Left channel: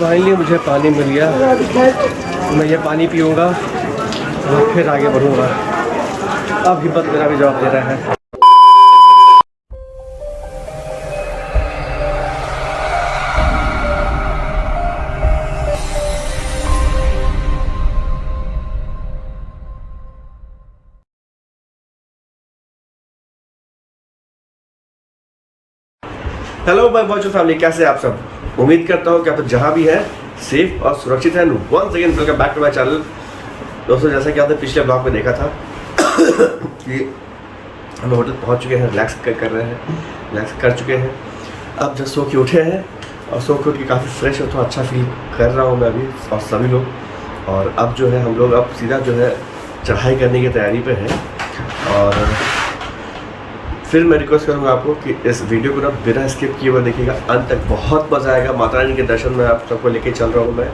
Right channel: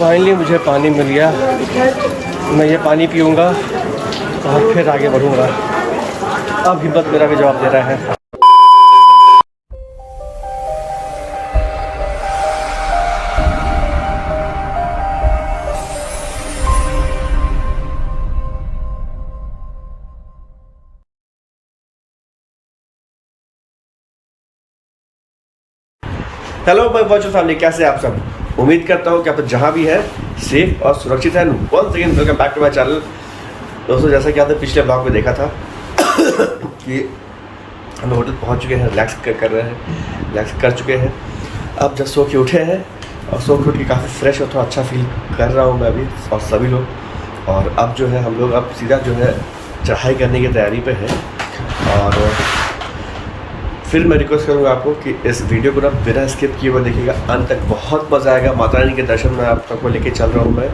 Finally मुझे पानी मिल गया। मैं ये पानी पीऊँगा और फिर आगे बढ़ूँगा। अब हिम्मत मेरा भी जवाब दे रहा है। हेलो माय वर्चुअल फैमिली, कैसे हैं आप सब? उम्मीद करता हूँ कि आप जहाँ भी है सेफ और सुरक्षित है। Once again welcome back to my channel. दोस्तों, जैसा कि आपने पिछले ब्लॉग में देखा था कि हम होटल पहुँच चुके हैं, रिलैक्स कर रहे हैं, रिलैक्स कर चुके हैं। अब जब सो के उठे हैं और सो के उठ के काफ़ी फ्रेश हो तो अच्छा फील कर रहा हूँ मैं अभी और सभी लोग। और अब जो है हम लोग अब सीधा जो है चढ़ाई करने की तैयारी पे है। और फिर मैं रिक्वेस्ट करूंगा आपको कि इस वीडियो को ना बिना स्किप किए हुए देखिएगा अंत तक। बहुत मज़ा आएगा। माता रानी के दर्शन में आप सबको लेके चल रहा हूं मैं।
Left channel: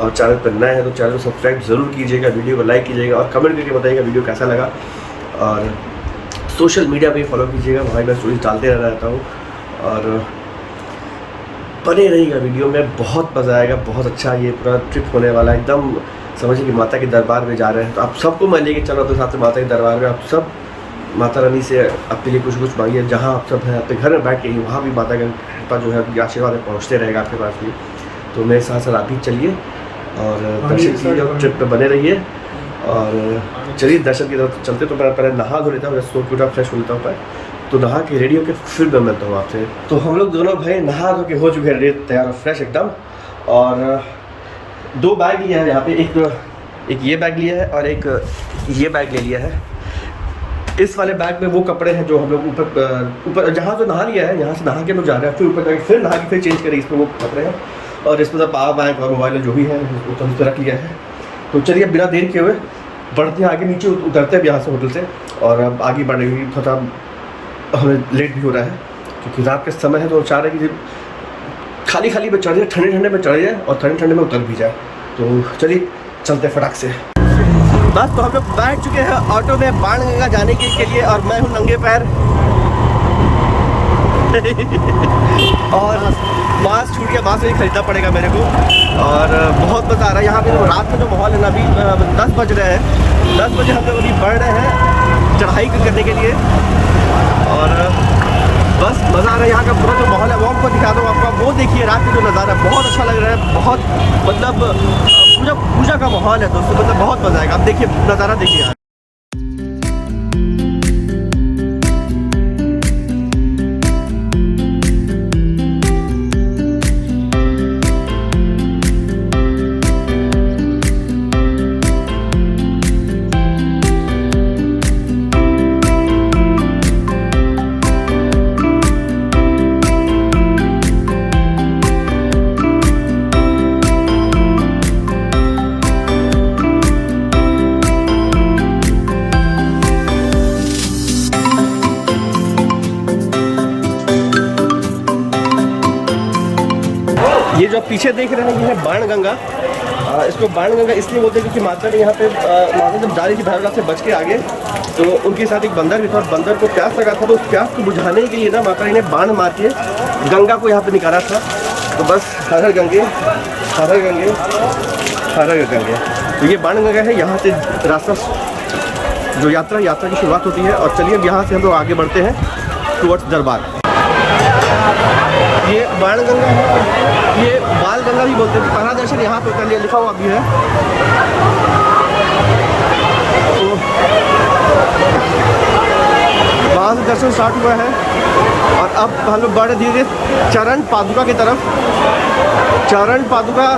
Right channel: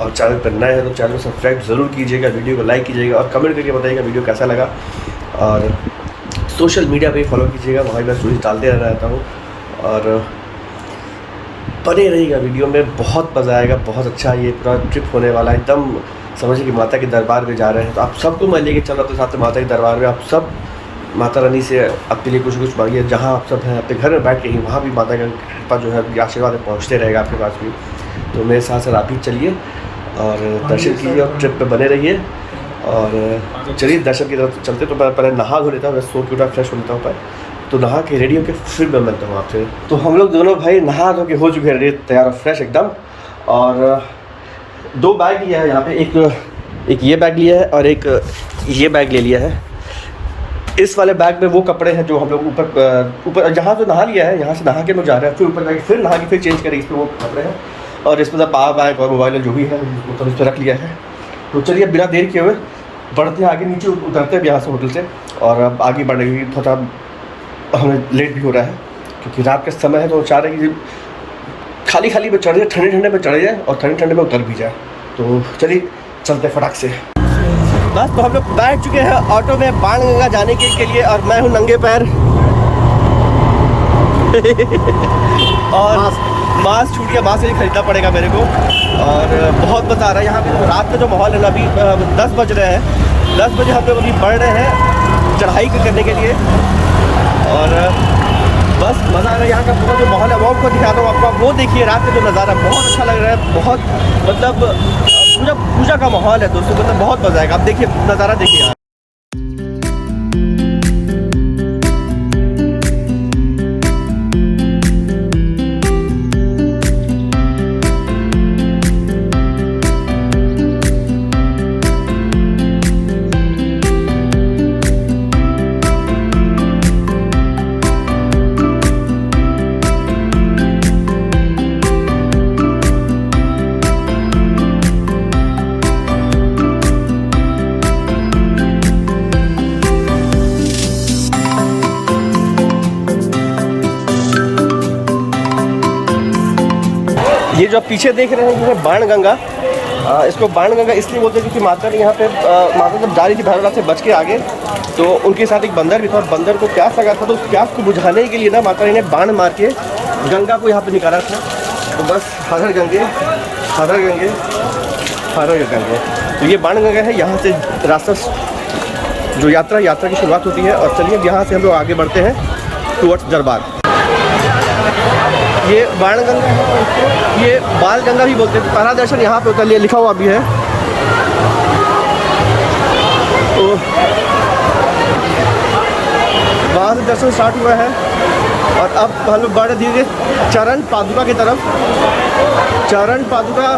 और चैनल पर नए हैं तो चैनल को सब्सक्राइब ज़रूर कीजिएगा, वीडियो को लाइक कीजिएगा और कमेंट करके बताइएगा वीडियो कैसा लगा। और सोशल मीडिया पे फॉलो कीजिएगा, वहाँ मैं स्टोरीज डालते रहता हूँ। और बने रहिएगा वीडियो में, बहुत मज़ा आएगा। बहुत अच्छा ये पूरा ट्रिप होने वाला है। एकदम समझिए कि माता के दरबार में जा रहे हैं। तो आप सबको मैं लेके चल रहा हूँ साथ में माता के दरबार में। आप सब माता रानी से आपके लिए कुछ कुछ मांगिए। जहाँ आप सब हैं अपने घर में बैठ के ही वहाँ भी माता का कृपा जो है आशीर्वाद पहुँचते रहेगा आपके पास भी। तो मेरे साथ साथ आप भी चलिए और दर्शन कीजिए और ट्रिप पे बने रहिए। और चलिए दर्शन की तरफ चलते। तो मैं पहले नहा धो लेता हूँ, सो के उठा फ्रेश हो लेता हूँ पहले। तो नहा के रेडी होकर फिर मैं मिलता हूँ आपसे। तो हम लोग दोनों भाई नहा धो के हो चुके हैं रेडी, तैयार और फ्रेश एकदम। और 2 बैग लिया है यहाँ पे, एक ये बैग लिया है और एक ये बैग ले लिया है। इस वाले बैग में वो कपड़े हैं जो हम लोग ऊपर जहाँ जो नहा लिया है, यहाँ से नहा के लोग जा रहे हैं, फिर ऊपर जाके फिर नहा के फिर चेंज करें। इसमें वो कपड़े हैं और इसमें सब पावर बैंक और मोबाइल जो भी है तो इस पर रख लिया है। तो चलिए बिना देर किए हुए बढ़ते हैं आगे, नीचे उतरते हैं यहाँ से होटल से। और अब आगे बढ़ने की थोड़ा हमें लेट भी हो रहा है क्योंकि रात का समय है। तो चाह रहे कि खाली खाली में चढ़ जाए, ठंडे ठंडे में चढ़ जाए और ठंडे ठंडे में उतर भी जाए। तो चलिए चलते फटाक से। बस तो हम लोग बैठ चुके हैं ऑटो में बाणगंगा जाने के लिए। और मैं हूँ नंगे पैर और मास्क छूट गया, मास्क ही खरीदना पड़ेगा मेरे को। और बहुत मज़ा आ रहा है यहाँ पे। तो रात का जो माहौल है ना, अभी 10 बज रहे हैं। 10 बजे हम लोग अभी बढ़ रहे हैं चढ़ाई करने के लिए। और बस मज़ा आ रहा है यहाँ का पूरा जो माहौल है वो आपको दिखा दूँ आपको। वो देखिए रात का जो नज़ारा बहुत अच्छा लग रहा है। बहुत मतलब पूजा का माहौल है दोस्तों, मतलब बहुत मज़ा आएगा। आप देखिए नज़ारा देखिए यार। ये जो आप पीछे देख रहे हैं ये है बाणगंगा। इसको बाणगंगा इसलिए बोलते हैं क्योंकि माता ने यहाँ पे माता जब जा रही थी भैरवनाथ से बच के आगे, तो उनके साथ एक बंदर भी था और बंदर को प्यास लगा था। तो उस प्यास को बुझाने के लिए ना माता ने बाण मार के गंगा को यहाँ पे निकाला था। तो बस हर हर गंगे हर हर गंगे हर हर गंगे। तो ये बाणगंगा है। यहाँ से रास्ता जो यात्रा की शुरुआत होती है। और चलिए अब यहाँ से हम लोग आगे बढ़ते हैं टुवर्ड्स दरबार। ये बाणगंगा है और इसको ये बाल गंगा भी बोलते हैं। पहला दर्शन यहाँ पे होता है, ये लिखा हुआ भी है। तो वहाँ से दर्शन स्टार्ट हुआ है और अब हम लोग बढ़े धीरे धीरे चरण पादुका की तरफ। चरण पादुका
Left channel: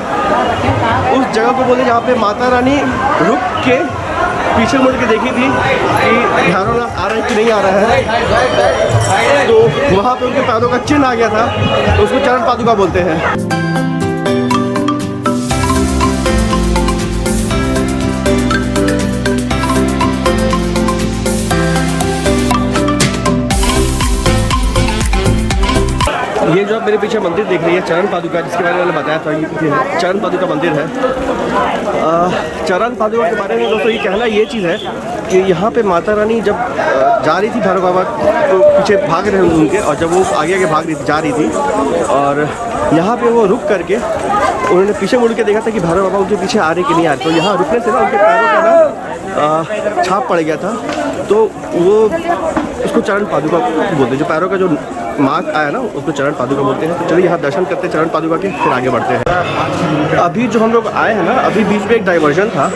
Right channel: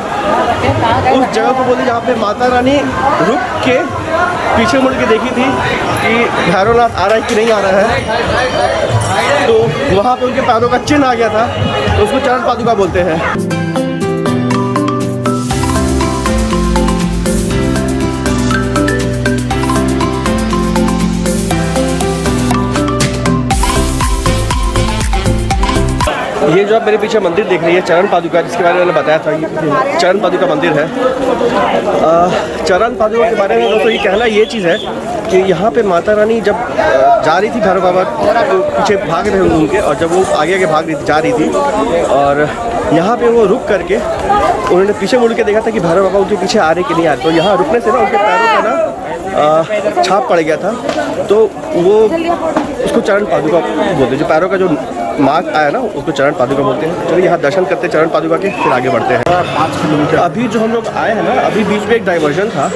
उस जगह को बोलते जहाँ पे माता रानी रुक के पीछे मुड़ के देखी थी कि भैरवनाथ आ रहा है कि नहीं आ रहा है। तो वहाँ पे उनके पैरों का चिन्ह आ गया था, तो उसको चरण पादुका बोलते हैं। ये जो आप मेरे पीछे मंदिर देख रही है चरण पादुका, जिसके बारे में मैंने बताया था, ये पीछे है चरण पादुका मंदिर है। चरण पादुका के बारे में दोस्तों ये कहना ये चीज़ है कि यहाँ पे माता रानी जब जा रही थी भैरव बाबा को पीछे भाग रहे उनके, और जब वो आगे आगे भाग रही थी जा रही थी, और यहाँ पे वो रुक करके उन्होंने पीछे मुड़ के देखा था कि भैरव बाबा उनके पीछे आ रहे कि नहीं आ रहे। तो यहाँ रुकने से ना उनके पैरों का ना छाप पड़ गया था, तो वो उसको चरण पादुका बोलते हैं। जो पैरों का जो मार्क आया ना उसको चरण पादुका बोलते हैं। चलिए यहाँ दर्शन करते हैं चरण पादुका के, फिर आगे बढ़ते हैं। अभी जो हम लोग आए हैं ना, अभी बीच में एक डाइवर्जन था।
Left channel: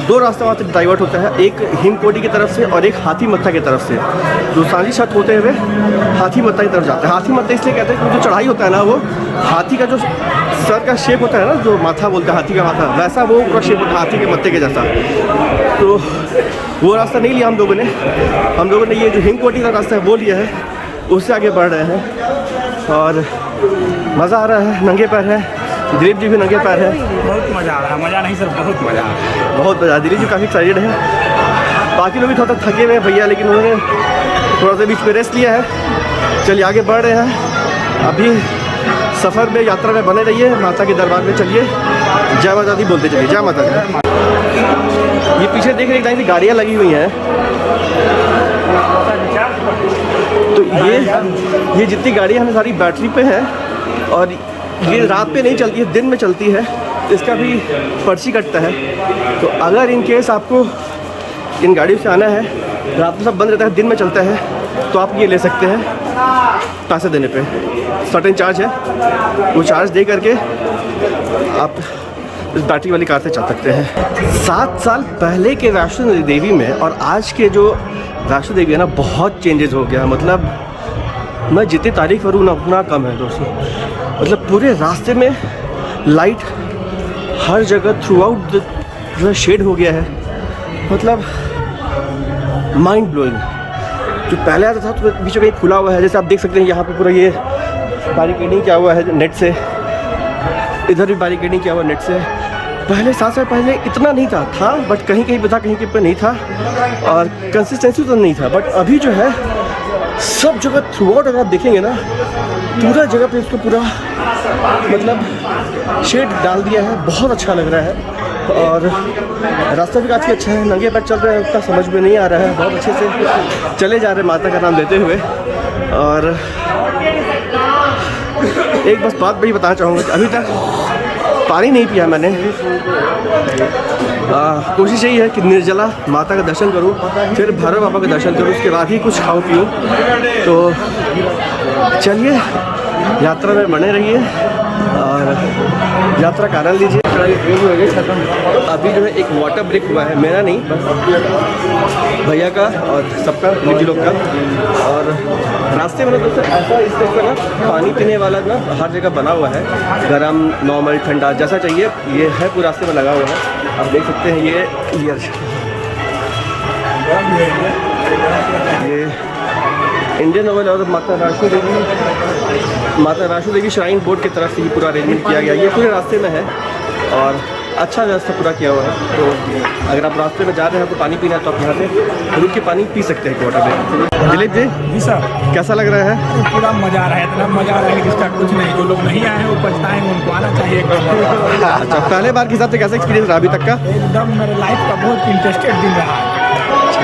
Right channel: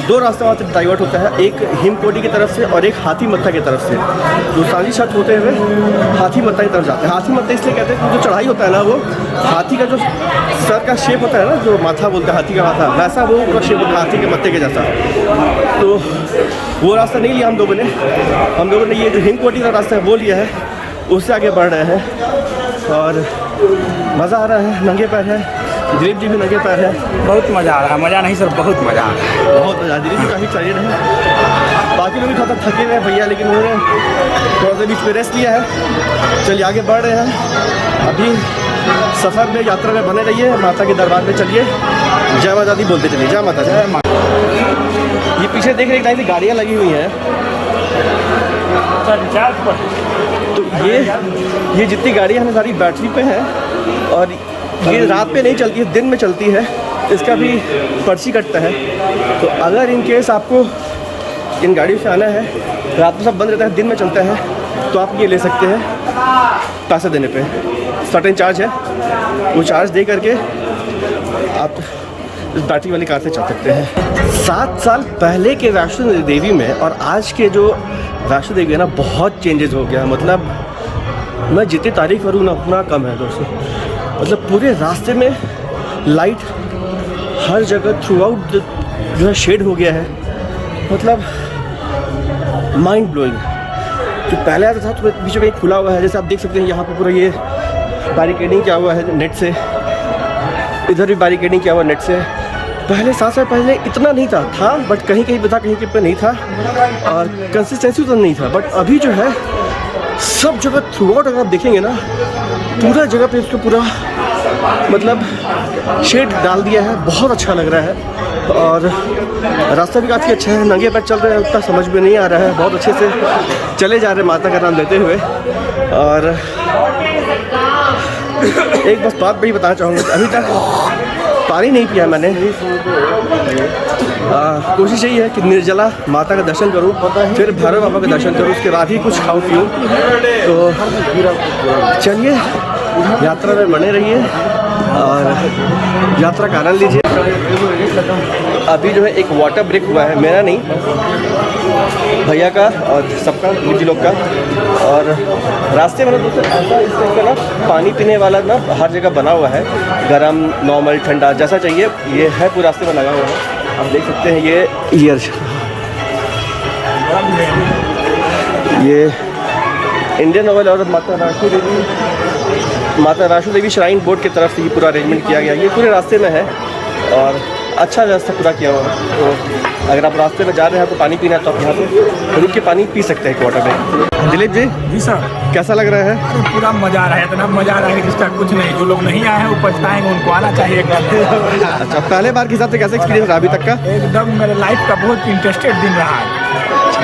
दो रास्ते वहाँ से डाइवर्ट होता है, एक हिमकोटी की तरफ से और एक हाथी मत्था की तरफ से। जो सांझी छत होते हुए हाथी मत्था की तरफ जाता है। हाथी मत्था इसलिए कहते हैं क्योंकि जो चढ़ाई होता है ना, वो हाथी का जो सर का शेप होता है ना, जो माथा बोलते हैं हाथी का माथा, वैसा वो पूरा शेप होता है हाथी के मत्थे के जैसा। तो वो रास्ता नहीं लिया हम लोगों ने ये जो हिमकोटी का रास्ता है वो लिया है, उससे आगे बढ़ रहे हैं और मज़ा आ रहा है। नंगे पैर है, दिलीप जी भी नंगे पैर है। बहुत मज़ा आ रहा है। मज़ा नहीं सर, बहुत मज़ा आ रहा है, बहुत मज़ा। दिलीप भी काफ़ी एक्साइटेड है। बाकी लोग भी थोड़ा थके हुए हैं भैया, लेकिन उन्होंने थोड़ा सा बीच में रेस्ट लिया है। चलिए आगे बढ़ रहे हैं। अभी सफ़र में, यात्रा में बने रहिए। माता के दरबार में चलिए, जय माता दी बोलते चलिए, जय माता दी। ये पीछे देख रहे हैं गाड़ियाँ लगी हुई हैं। तो ये जितनी गाड़ियाँ हैं सारी बैटरी पे हैं और ये रात पे नहीं चलती है, दिन में चलती है। इसका भी पर्ची कटता है। तो अगर इन केस आपको इन गाड़ियों से आना है, रात में सब बंद रहता है, दिन में चलता है, तो आप ये ले सकते हैं पैसे देने पे। सर्टेन चार्ज है, वो चार्ज दे करके आप इस बैटरी वाली कार से चल सकते हैं। 7 साल पहले के वैष्णो देवी में और आज के जो वैष्णो देवी है ना, बहुत चेंजेस हो गया। मतलब मैं जितनी तारीफ करूँ ना उतना कम है दोस्तों। मतलब पूरे रास्ते में लाइट हर जगह थ्रू आउट जो है शेड हो गया है। मतलब माइंड ब्लोइंग। जो पहले आता था तो बीच में खुला हुआ है, जैसे आप देख सकते हैं यहाँ पे पूरा ये बैरिकेडिंग किया हुआ है नेट से, इधर भी बैरिकेडिंग किया हुआ नेट से। पहले 7 साल पहले इतना नहीं था बट कहीं कहीं पे था, कहीं कहीं पे नहीं था और कंसिस्टेंसी तो नहीं था। बट अभी जो है सब जगह थ्रू आउट अगर आप देखेंगे ना, पूरा जगह पे उसको पूरा मतलब शेड डाल दिया है। बहुत अच्छा लग रहा है और रास्ता भी काफ़ी अच्छा है। नंगे पैर चल रहे हैं, उतना समझ में नहीं आ रहा है। बहुत अच्छे से चले जा रहे हैं माता का नाम लेते हुए। और एक बस बात बड़ी बताना चाहूँगा कि अभी तक पानी नहीं पिया मैंने। कोशिश यही है कि निर्जला माता का दर्शन करूं, फिर भैरव बाबा का दर्शन करूं, उसके बाद ही कुछ खाऊं पीऊं। तो चलिए यात्रा में बने रहिए और यात्रा का आनंद लीजिए। अभी जो है एक वाटर ब्रेक हुआ है, मेरा नहीं बस भैया का और सबका, दिलीप जी लोग का। और रास्ते में ना दोस्तों ऐसा इस टाइप का ना पानी पीने वाला ना हर जगह बना हुआ है, गरम, नॉर्मल, ठंडा जैसा चाहिए ये है, पूरे रास्ते में लगा हुआ है। आप देख सकते हैं ये इंडियन ऑयल और माता वैष्णो देवी श्राइन बोर्ड की तरफ से ये पूरा अरेंजमेंट किया गया। ये पूरे रास्ते में है और अच्छा व्यवस्था पूरा किया हुआ है। तो अगर आप रास्ते में जा रहे हैं तो पानी पीना है तो आप यहाँ पे रुक के पानी पी सकते हैं वाटर में। दिलीप जी जी सर, कैसा लग रहा है? अरे पूरा मजा आ रहा है, इतना मजा आ रहा है कि इसका कुछ नहीं। जो लोग नहीं आए हैं वो पछताएंगे, उनको आना चाहिए एकदम। अच्छा, पहले बार के हिसाब से कैसा एक्सपीरियंस रहा अभी तक का? एकदम मेरे लाइफ का बहुत इंटरेस्टेड दिन रहा है। अच्छा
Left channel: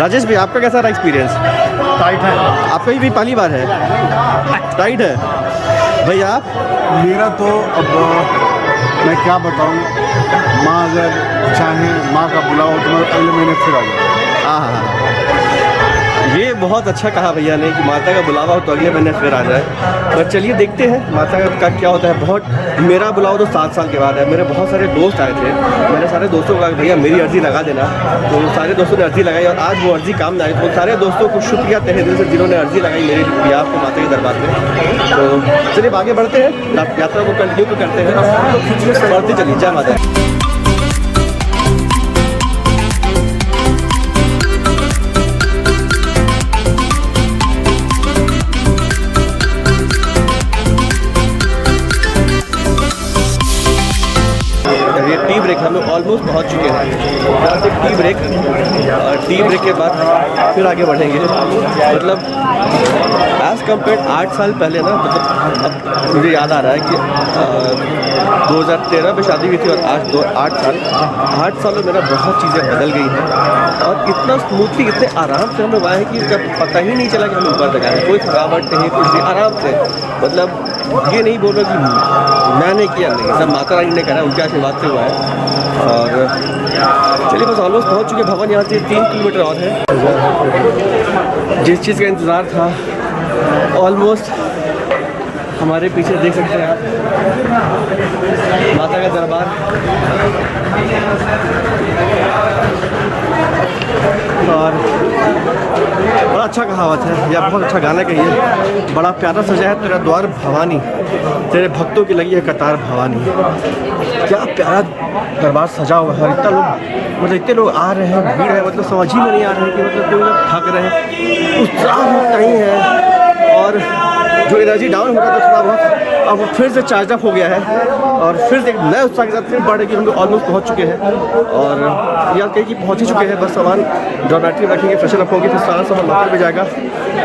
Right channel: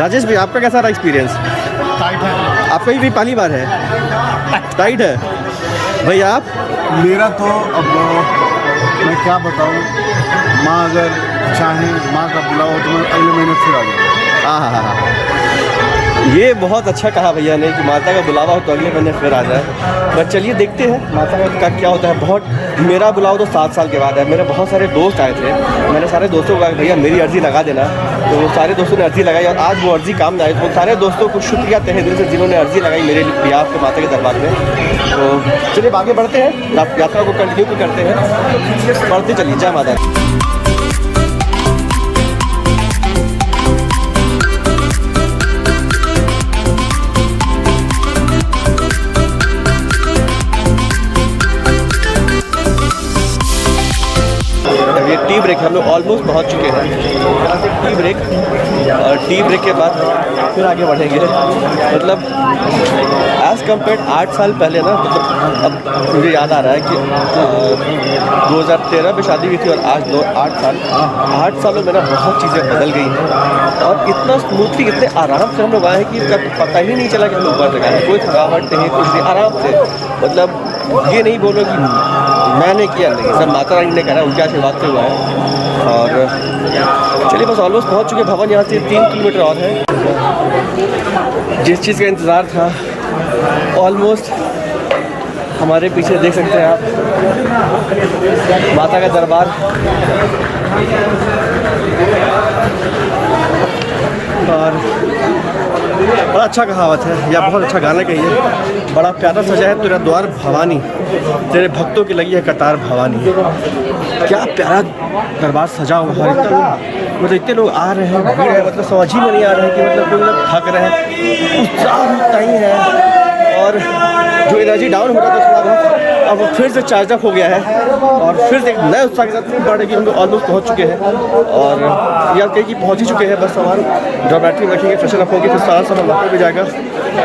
राजेश भाई, आपका कैसा रहा एक्सपीरियंस? टाइट है। आपका भी पहली बार है? टाइट है भैया आप? मेरा तो अब मैं क्या बताऊं, माँ अगर चाहें, माँ का बुलावा हो तो मैं अगले महीने फिर आ जाऊँ। हाँ, ये बहुत अच्छा कहा भैया ने कि माता का बुलावा हो तो अगले महीने फिर आ जाए। बट चलिए देखते हैं माता का क्या होता है। बहुत मेरा बुलावा तो 7 साल के बाद है। मेरे बहुत सारे दोस्त आए थे, मैंने सारे दोस्तों को कहा भैया मेरी अर्ज़ी लगा देना, तो सारे दोस्तों ने अर्ज़ी लगाई और आज वो अर्ज़ी काम में आई। तो उन सारे दोस्तों को शुक्रिया तहे दिल से जिन्होंने अर्ज़ी लगाई मेरे बिहाफ पे माता के दरबार में। तो चलिए आगे बढ़ते हैं, यात्रा को कंटिन्यू करते हैं, बढ़ते चलिए। जय माता। ये टी ब्रेक, हम लोग ऑलमोस्ट पहुंच चुके हैं। यहाँ से टी ब्रेक और टी ब्रेक के बाद फिर आगे बढ़ेंगे। मतलब एज़ कम्पेयर 8 साल पहले ना, मतलब अब मुझे याद आ रहा है कि 2013 में शादी हुई थी और आज 8 सालों में ना बहुत चीज़ें बदल गई हैं और इतना स्मूथली, इतने आराम से हम लोग आए हैं कि कब पता ही नहीं चला कि हम ऊपर तक आए हैं। कोई थकावट नहीं, कुछ नहीं, आराम से। मतलब ये नहीं बोल रहा कि मैंने किया नहीं, सब माता रानी ने करा, उनके आशीर्वाद से हुआ है। और चलिए बस ऑलमोस्ट पहुंच चुके। भवन यहाँ से 3 किलोमीटर और है। जिस चीज़ का इंतज़ार था ऑलमोस्ट हमारे पीछे देख सकते हैं आप, माता का दरबार। और बड़ा अच्छा कहावत है या बहुत अच्छा गाना कहिए, बड़ा प्यारा सजा है तेरा द्वार भवानी, तेरे भक्तों की लगी है कतार भवानी। क्या प्यारा दरबार सजा हुआ है और इतना लोग, मतलब इतने लोग आ रहे हैं, भीड़ है, मतलब समझ ही में नहीं आ रहा है कि मतलब कोई लोग थक रहे हैं, उत्साह नहीं है। और जो एनर्जी डाउन हो रहा था थोड़ा बहुत, अब वो फिर से चार्ज अप हो गया है और फिर से एक नए उत्साह के साथ फिर बढ़ कि हम लोग ऑलमोस्ट पहुँच चुके हैं। और याद कहीं कि पहुँच ही चुके हैं, बस सामान ड्रॉमेट्री में रखेंगे, फ्रेशन अप होंगे, फिर सारा सामान लॉकर में जाएगा।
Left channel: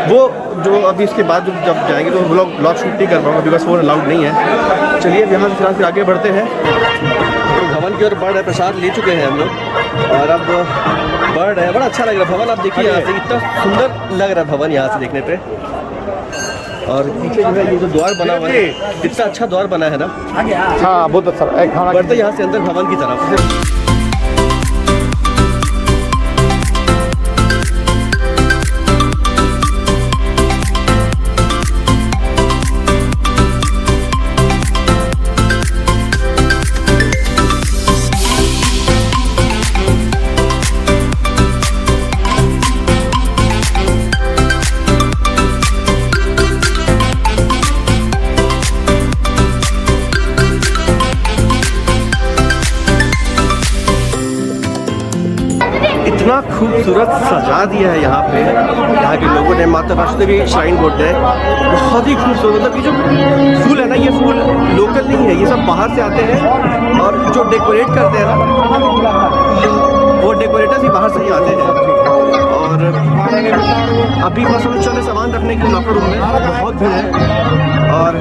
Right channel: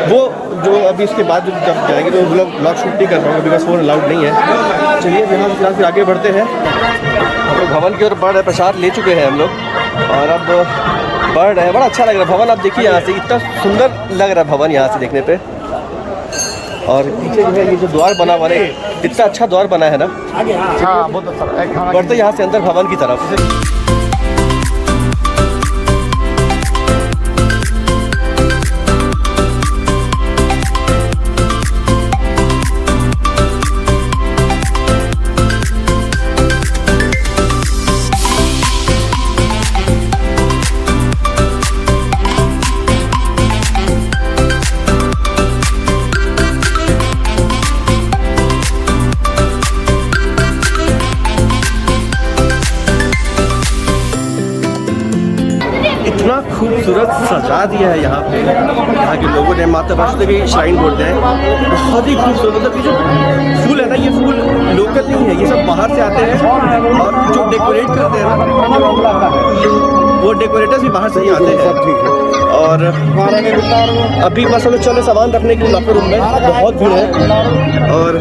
वो जो अभी इसके बाद जब जाएंगे तो ब्लॉग शूट नहीं कर पाऊँगा बिकॉज फ़ोन अलाउड नहीं है। चलिए अब यहाँ से फिर आगे बढ़ते हैं। हम लोग भवन की ओर बढ़ रहे, प्रसाद ले चुके हैं हम लोग और अब बढ़ रहे हैं। बड़ा अच्छा लग रहा है भवन, आप देखिए यहाँ से इतना सुंदर लग रहा है भवन यहाँ से देखने पे। और पीछे जो है ये जो द्वार बना हुआ है, कितना अच्छा द्वार बना है ना, बहुत अच्छा। बढ़ते यहाँ से अंदर भवन की तरफ। इतना खूबसूरत सजा दिया है यहाँ पे, यहाँ के लोगों ने। माता वैष्णो देवी श्राइन बोलते हैं, बहुत ही खूबसूरत। मतलब ये जो फूल है ना, ये फूल लोकल नहीं है, ये सब बाहर से आते हैं। और जो डेकोरेट करते हैं ना, वो डेकोरेटर्स भी बाहर से ही आते हैं। और अभी बस हम लोग चले सामान रखने के लिए लॉकर रूम में, बहुत भीड़ है। और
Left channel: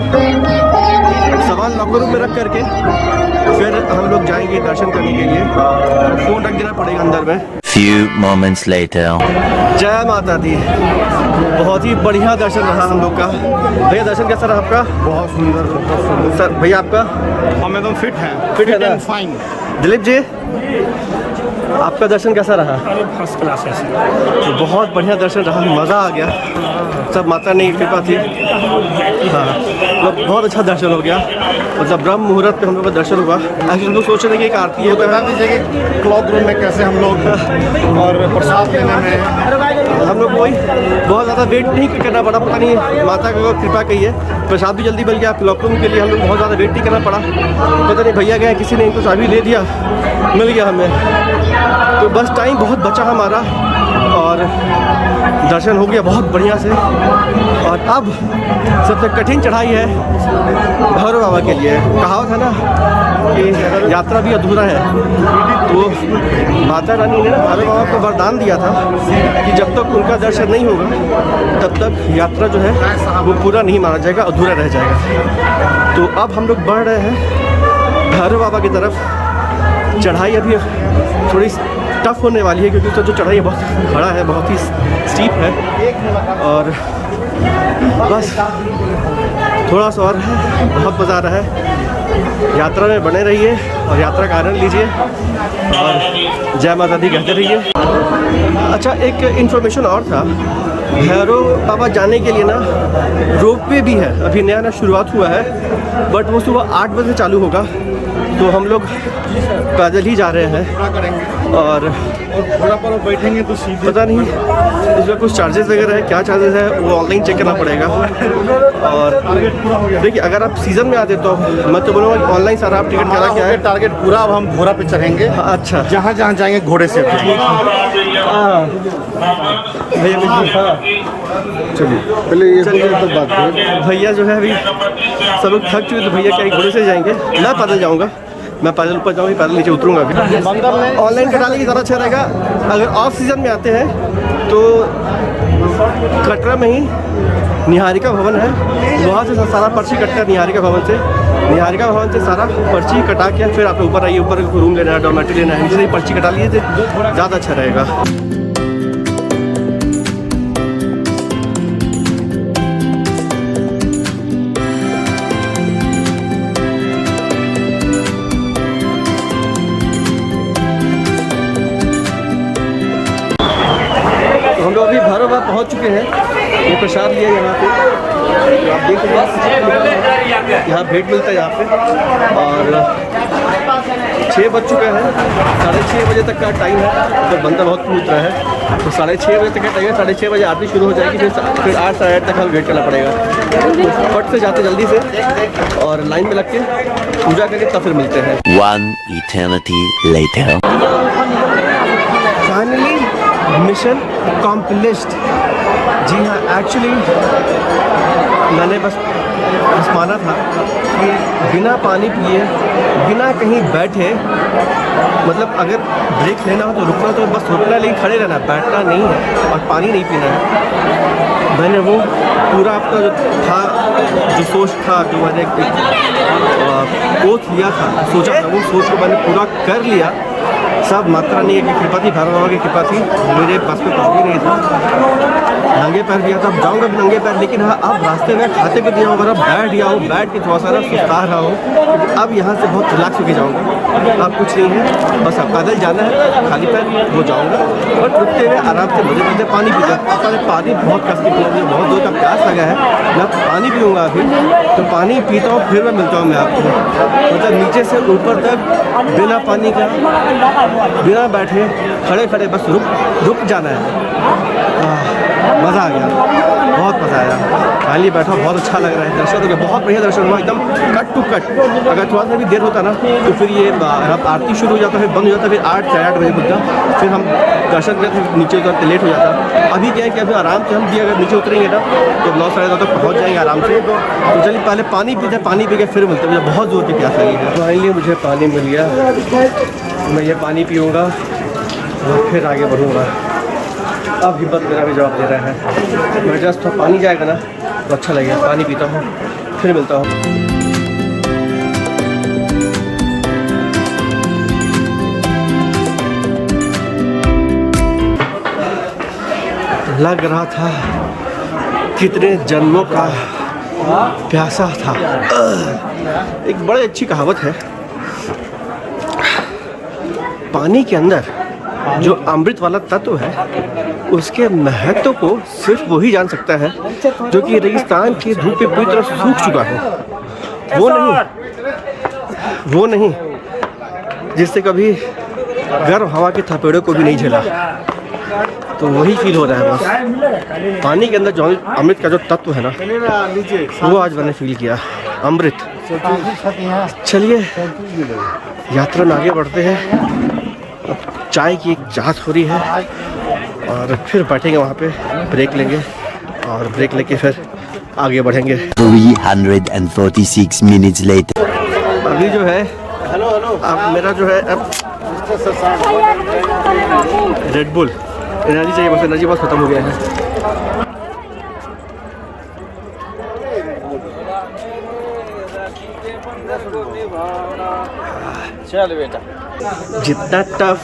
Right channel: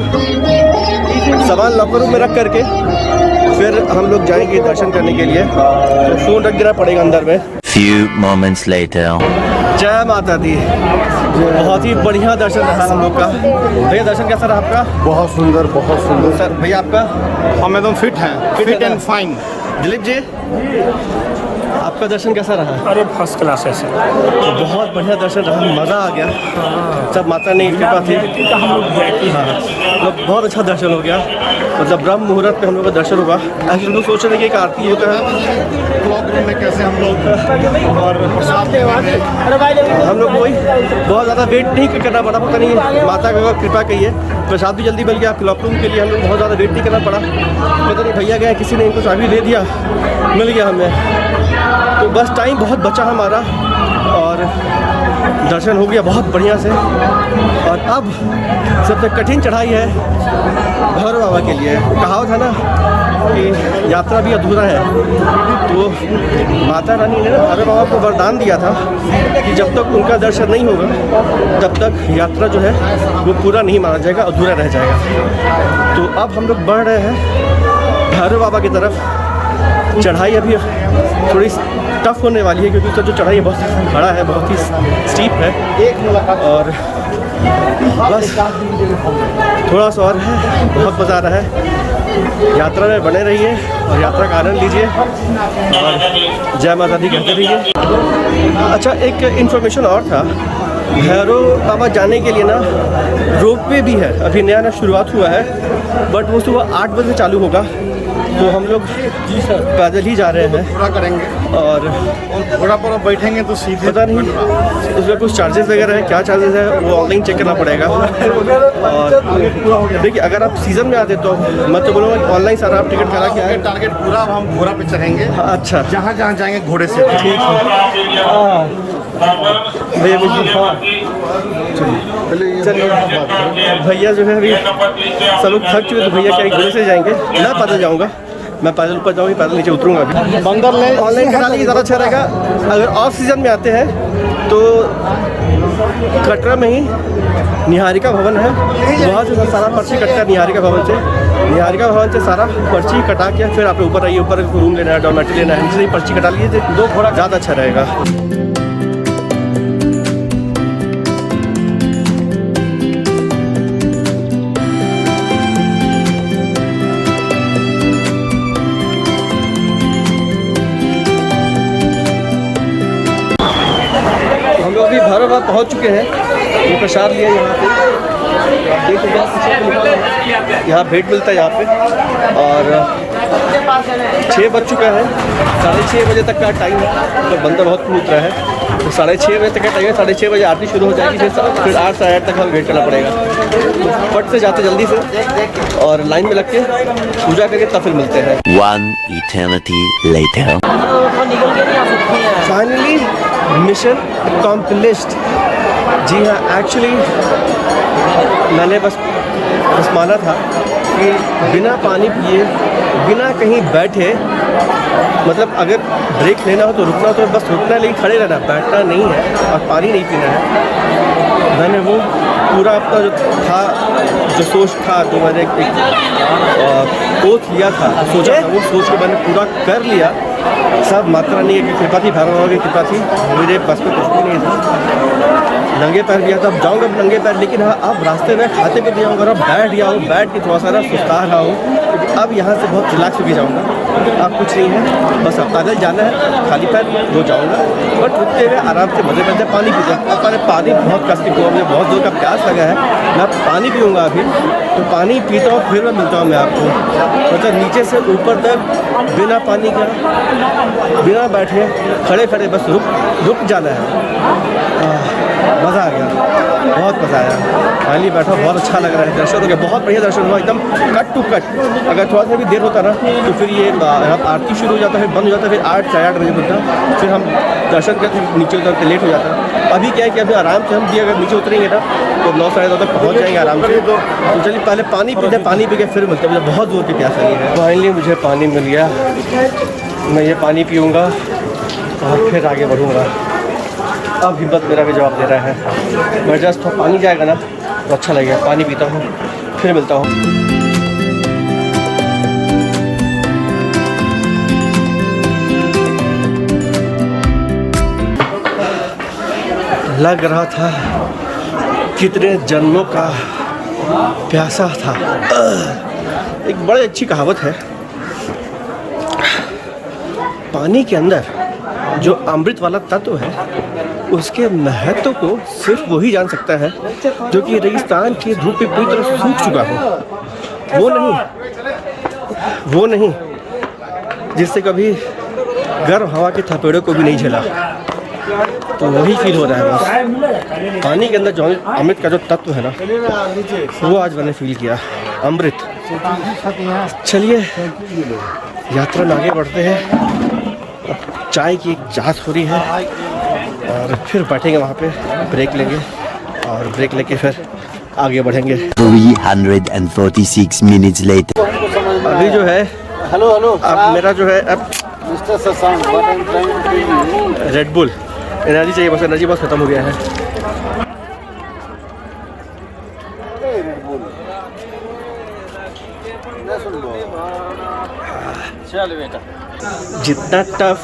सामान लॉकर रूम में रख करके फिर हम लोग जाएंगे दर्शन करने के लिए, तो फ़ोन रख देना पड़ेगा अंदर में। Few moments later. जय माता दी। बहुत ही बढ़िया दर्शन रहा हम लोग का। भैया दर्शन कैसा रहा आपका? बहुत सुंदर, बहुत सुंदर। सर भैया आपका? हम एकदम फिट हैं, फिट है ना? And fine. दिलीप जी आपका दर्शन कैसा रहा? अरे फर्स्ट क्लास है। तो बहुत बढ़िया दर्शन रहा, मज़ा आ गया। सब माता ने कृपा थी। हाँ मतलब बहुत अच्छा दर्शन हो गया। मतलब ब्रह्म मुहूर्त पे हम लोग का दर्शन हुआ। एक्चुअली हम लोग सोच रहे थे कि एक आरती होता है, क्लॉक रूम में कैसे हम लोग और प्रसाद लेने में हम लोग को वही बहुत ज़्यादा वेट नहीं करना पड़ा। पता नहीं माता का कृपा कही है, प्रसाद भी जल्दी मिल गया। क्लॉक रूम के लिए हम लोग बहुत ज़्यादा वेट नहीं करना पड़ा। पता नहीं भैया गए, किसी ने इनको चाबी दे दिया, मिल गया हमें। तो बस टाइम बहुत बचा हमारा और दर्शन हो गया बहुत बढ़िया से। और अब सबसे कठिन चढ़ाई है भैरव बाबा के लिए। कहावत है ना कि यात्रा भी अधूरा है, तो माता रानी ने ना भैरव बाबा को वरदान दिया था कि जब तक उनका दर्शन नहीं होगा तब तक यात्रा जो है वो पूरा नहीं माना जाएगा, अधूरा रह जाएगा। तो अब हम लोग बढ़ रहे हैं भैरव बाबा की तरफ। चढ़ाई अभी थोड़ी टफ होने वाली है क्योंकि उसका जो चढ़ाई है बहुत खड़ा है, बहुत ही स्टीप है। और बस थोड़ा सा और है, बहुत मज़ा आ रहा है। यात्रा में बने रहिए और यात्रा का आनंद लीजिए और जय माता दी कहते रहिए। अच्छा एक इन्फॉर्मेशन और था, भैरव बाबा जाने के लिए ना रोपवे भी है, अभी नया नया शुरुआत हुआ है, बट वो सुबह 8 बजे चालू होगा। तो हम लोग पैदल ही जा रहे हैं और थोड़ा पर बैठेंगे तो सीधे पता नहीं उसका कुछ चार्जेस वगैरह है, क्या चार्जेस है वो ऑनलाइन चेक करना पड़ेगा। और देखिए अगर आप सीज़न में आते तो मैं तो बोलूँगा ऑनलाइन सारा आप टिकट करा के आए। टारगेट पूरा, अब हम घोड़ा पे चढ़ेंगे। हाँ, अच्छा जहाँ जहाँ जाएंगे घोड़े से। हाँ भैया हाँ चलिए भैया जो है अभी सब लोग थक चुके तो भैया क्या घोड़े से जाएंगे, मैं पैदल जाऊँगा। मैं पैदल ऊपर जाऊँगी, पैदल नीचे उतरूँगा। अभी ऑनलाइन कटा लेंगे ज़्यादा अच्छा रहेगा। अगर ऑफ सीज़न में आते हैं तो कटरा में ही निहारिका भवन है, वहाँ से सारा पर्ची कटता है। निहारिका भवन से सारा पर्ची कटा के फिर आप ऊपर आइए। ऊपर रूम लेना है, डॉर्मेटरी लेना है, नीचे से ही पर्ची कटा लीजिए, ज़्यादा अच्छा रहेगा। हम लोग अभी भैरव बाबा पहुँच चुके हैं। ये प्रसाद लिया यहाँ पे, तो आप देख सकते हैं यहाँ भेंट मिलता है यहाँ पे। और 6 बज चुका है, 6:30 बजे तक का टाइम है। तो बंदा बहुत कूद रहा है, तो 6:30 बजे तक का टाइम है। 6:30 बजे आरती शुरू हो जाएगी, फिर 8 साढ़े 8 तक हमें वेट करना पड़ेगा। तो फट से जाते जल्दी से और लाइन में लग के पूजा करके तब फिर मिलते हैं। One eternity later. Finally mission accomplished. जी हाँ, एक्चुअली मैंने बस माना था कि बिना पानी पिए, बिना कहीं बैठे, मतलब अगर ब्रेक लेना हो तो रुकना, तो बस रुकना है, लेकिन खड़े रहना, बैठना नहीं है और पानी नहीं पीना है। मैंने वो पूरा अपना जो था, जो सोच था, जो मैंने एक ओथ लिया था, जो सोचा था, वो सोच को मैंने पूरा कर लिया। सब माता रानी की कृपा थी, भैरव बाबा की कृपा थी, मेरे पास में कुछ भी नहीं था। नंगे पैर भी आता, अब जाऊँगा भी नंगे पैर, लेकिन हाँ अब रास्ते में खाते पे दिया होगा, बैठ गया हो, बैठ के थोड़ा सा ना सुस्ता रहा हो, क्योंकि अब यहाँ से बहुत रिलैक्स होकर जाऊँगा। अब कुछ नहीं है, बस अब पैदल जाना है, खाली पैर वो जाऊँगा, बट रुकते हुए आराम से मज़े मज़े पानी पीते। अब मैंने पानी बहुत कस के पीऊँगा, मुझे बहुत दूर का प्यास लगा है, मैं पानी पीऊँगा अभी। तो पानी पीता हूँ, फिर मैं मिलता हूँ मैं आपको, मतलब नीचे से ऊपर तक बिना पानी का, बिना बैठे, खड़े खड़े बस रुक जाना है। मज़ा आ गया, बहुत मज़ा आया। फाइनली बैठा, बहुत अच्छा लग रहा है। दर्शन हो गया, बहुत बढ़िया दर्शन हुआ, एकदम कट टू कट। अगर थोड़ा सा भी देर होता ना तो फिर ये यहाँ आरती शुरू हो जाता, फिर बंद हो जाता, फिर 8 साढ़े 8 बजे खुलता, फिर हम दर्शन करते, नीचे उतरते लेट हो जाता। अभी क्या है कि अभी आराम से हम भी अगर नीचे उतरेंगे ना तो 9 साढ़े 9 तक पहुँच जाएंगे आराम से। तो चलिए पहले पानी पीते, पानी पी के फिर मिलते हैं, मुझे बहुत जोर की प्यास लगी है। फाइनली मुझे पानी मिल गया, मैं ये पानी पीऊँगा और फिर आगे बढ़ूँगा। अब हिम्मत मेरा भी जवाब दे रहा है, मैं जस्ट थोड़ा पानी जाएगा ना तो अच्छा लगेगा। पानी पीता हूँ, फिर मिलता हूँ। लग रहा था कितने जन्मों का प्यासा था। एक बड़ी अच्छी कहावत है, पानी के अंदर जो अमृत वाला तत्व है उसके महत्व को सिर्फ वही जान सकता है जो कि रेगिस्तान की धूप पे पूरी तरह सूख चुका हो। वो नहीं जिससे कभी गर्म हवा के थपेड़ों को भी नहीं झेला। तो वही फील हो रहा है बस। पानी के अंदर जो अमृत का जो तत्व है ना, वो आज मैंने फील किया, अमृत। चलिए यात्रा में आगे बढ़ते हैं। अब चाय की एक चाहत हो रही है और फिर बैठेंगे वहाँ पे, ब्रेक लेंगे और ब्रेक लेके फिर आगे बढ़ेंगे। 346 minutes later. अभी जो है अब मेरा जो है अब रेड बुल एनर्जी चाहिए, बस एनर्जी बस ख़त्म हो गया है। जितना टफ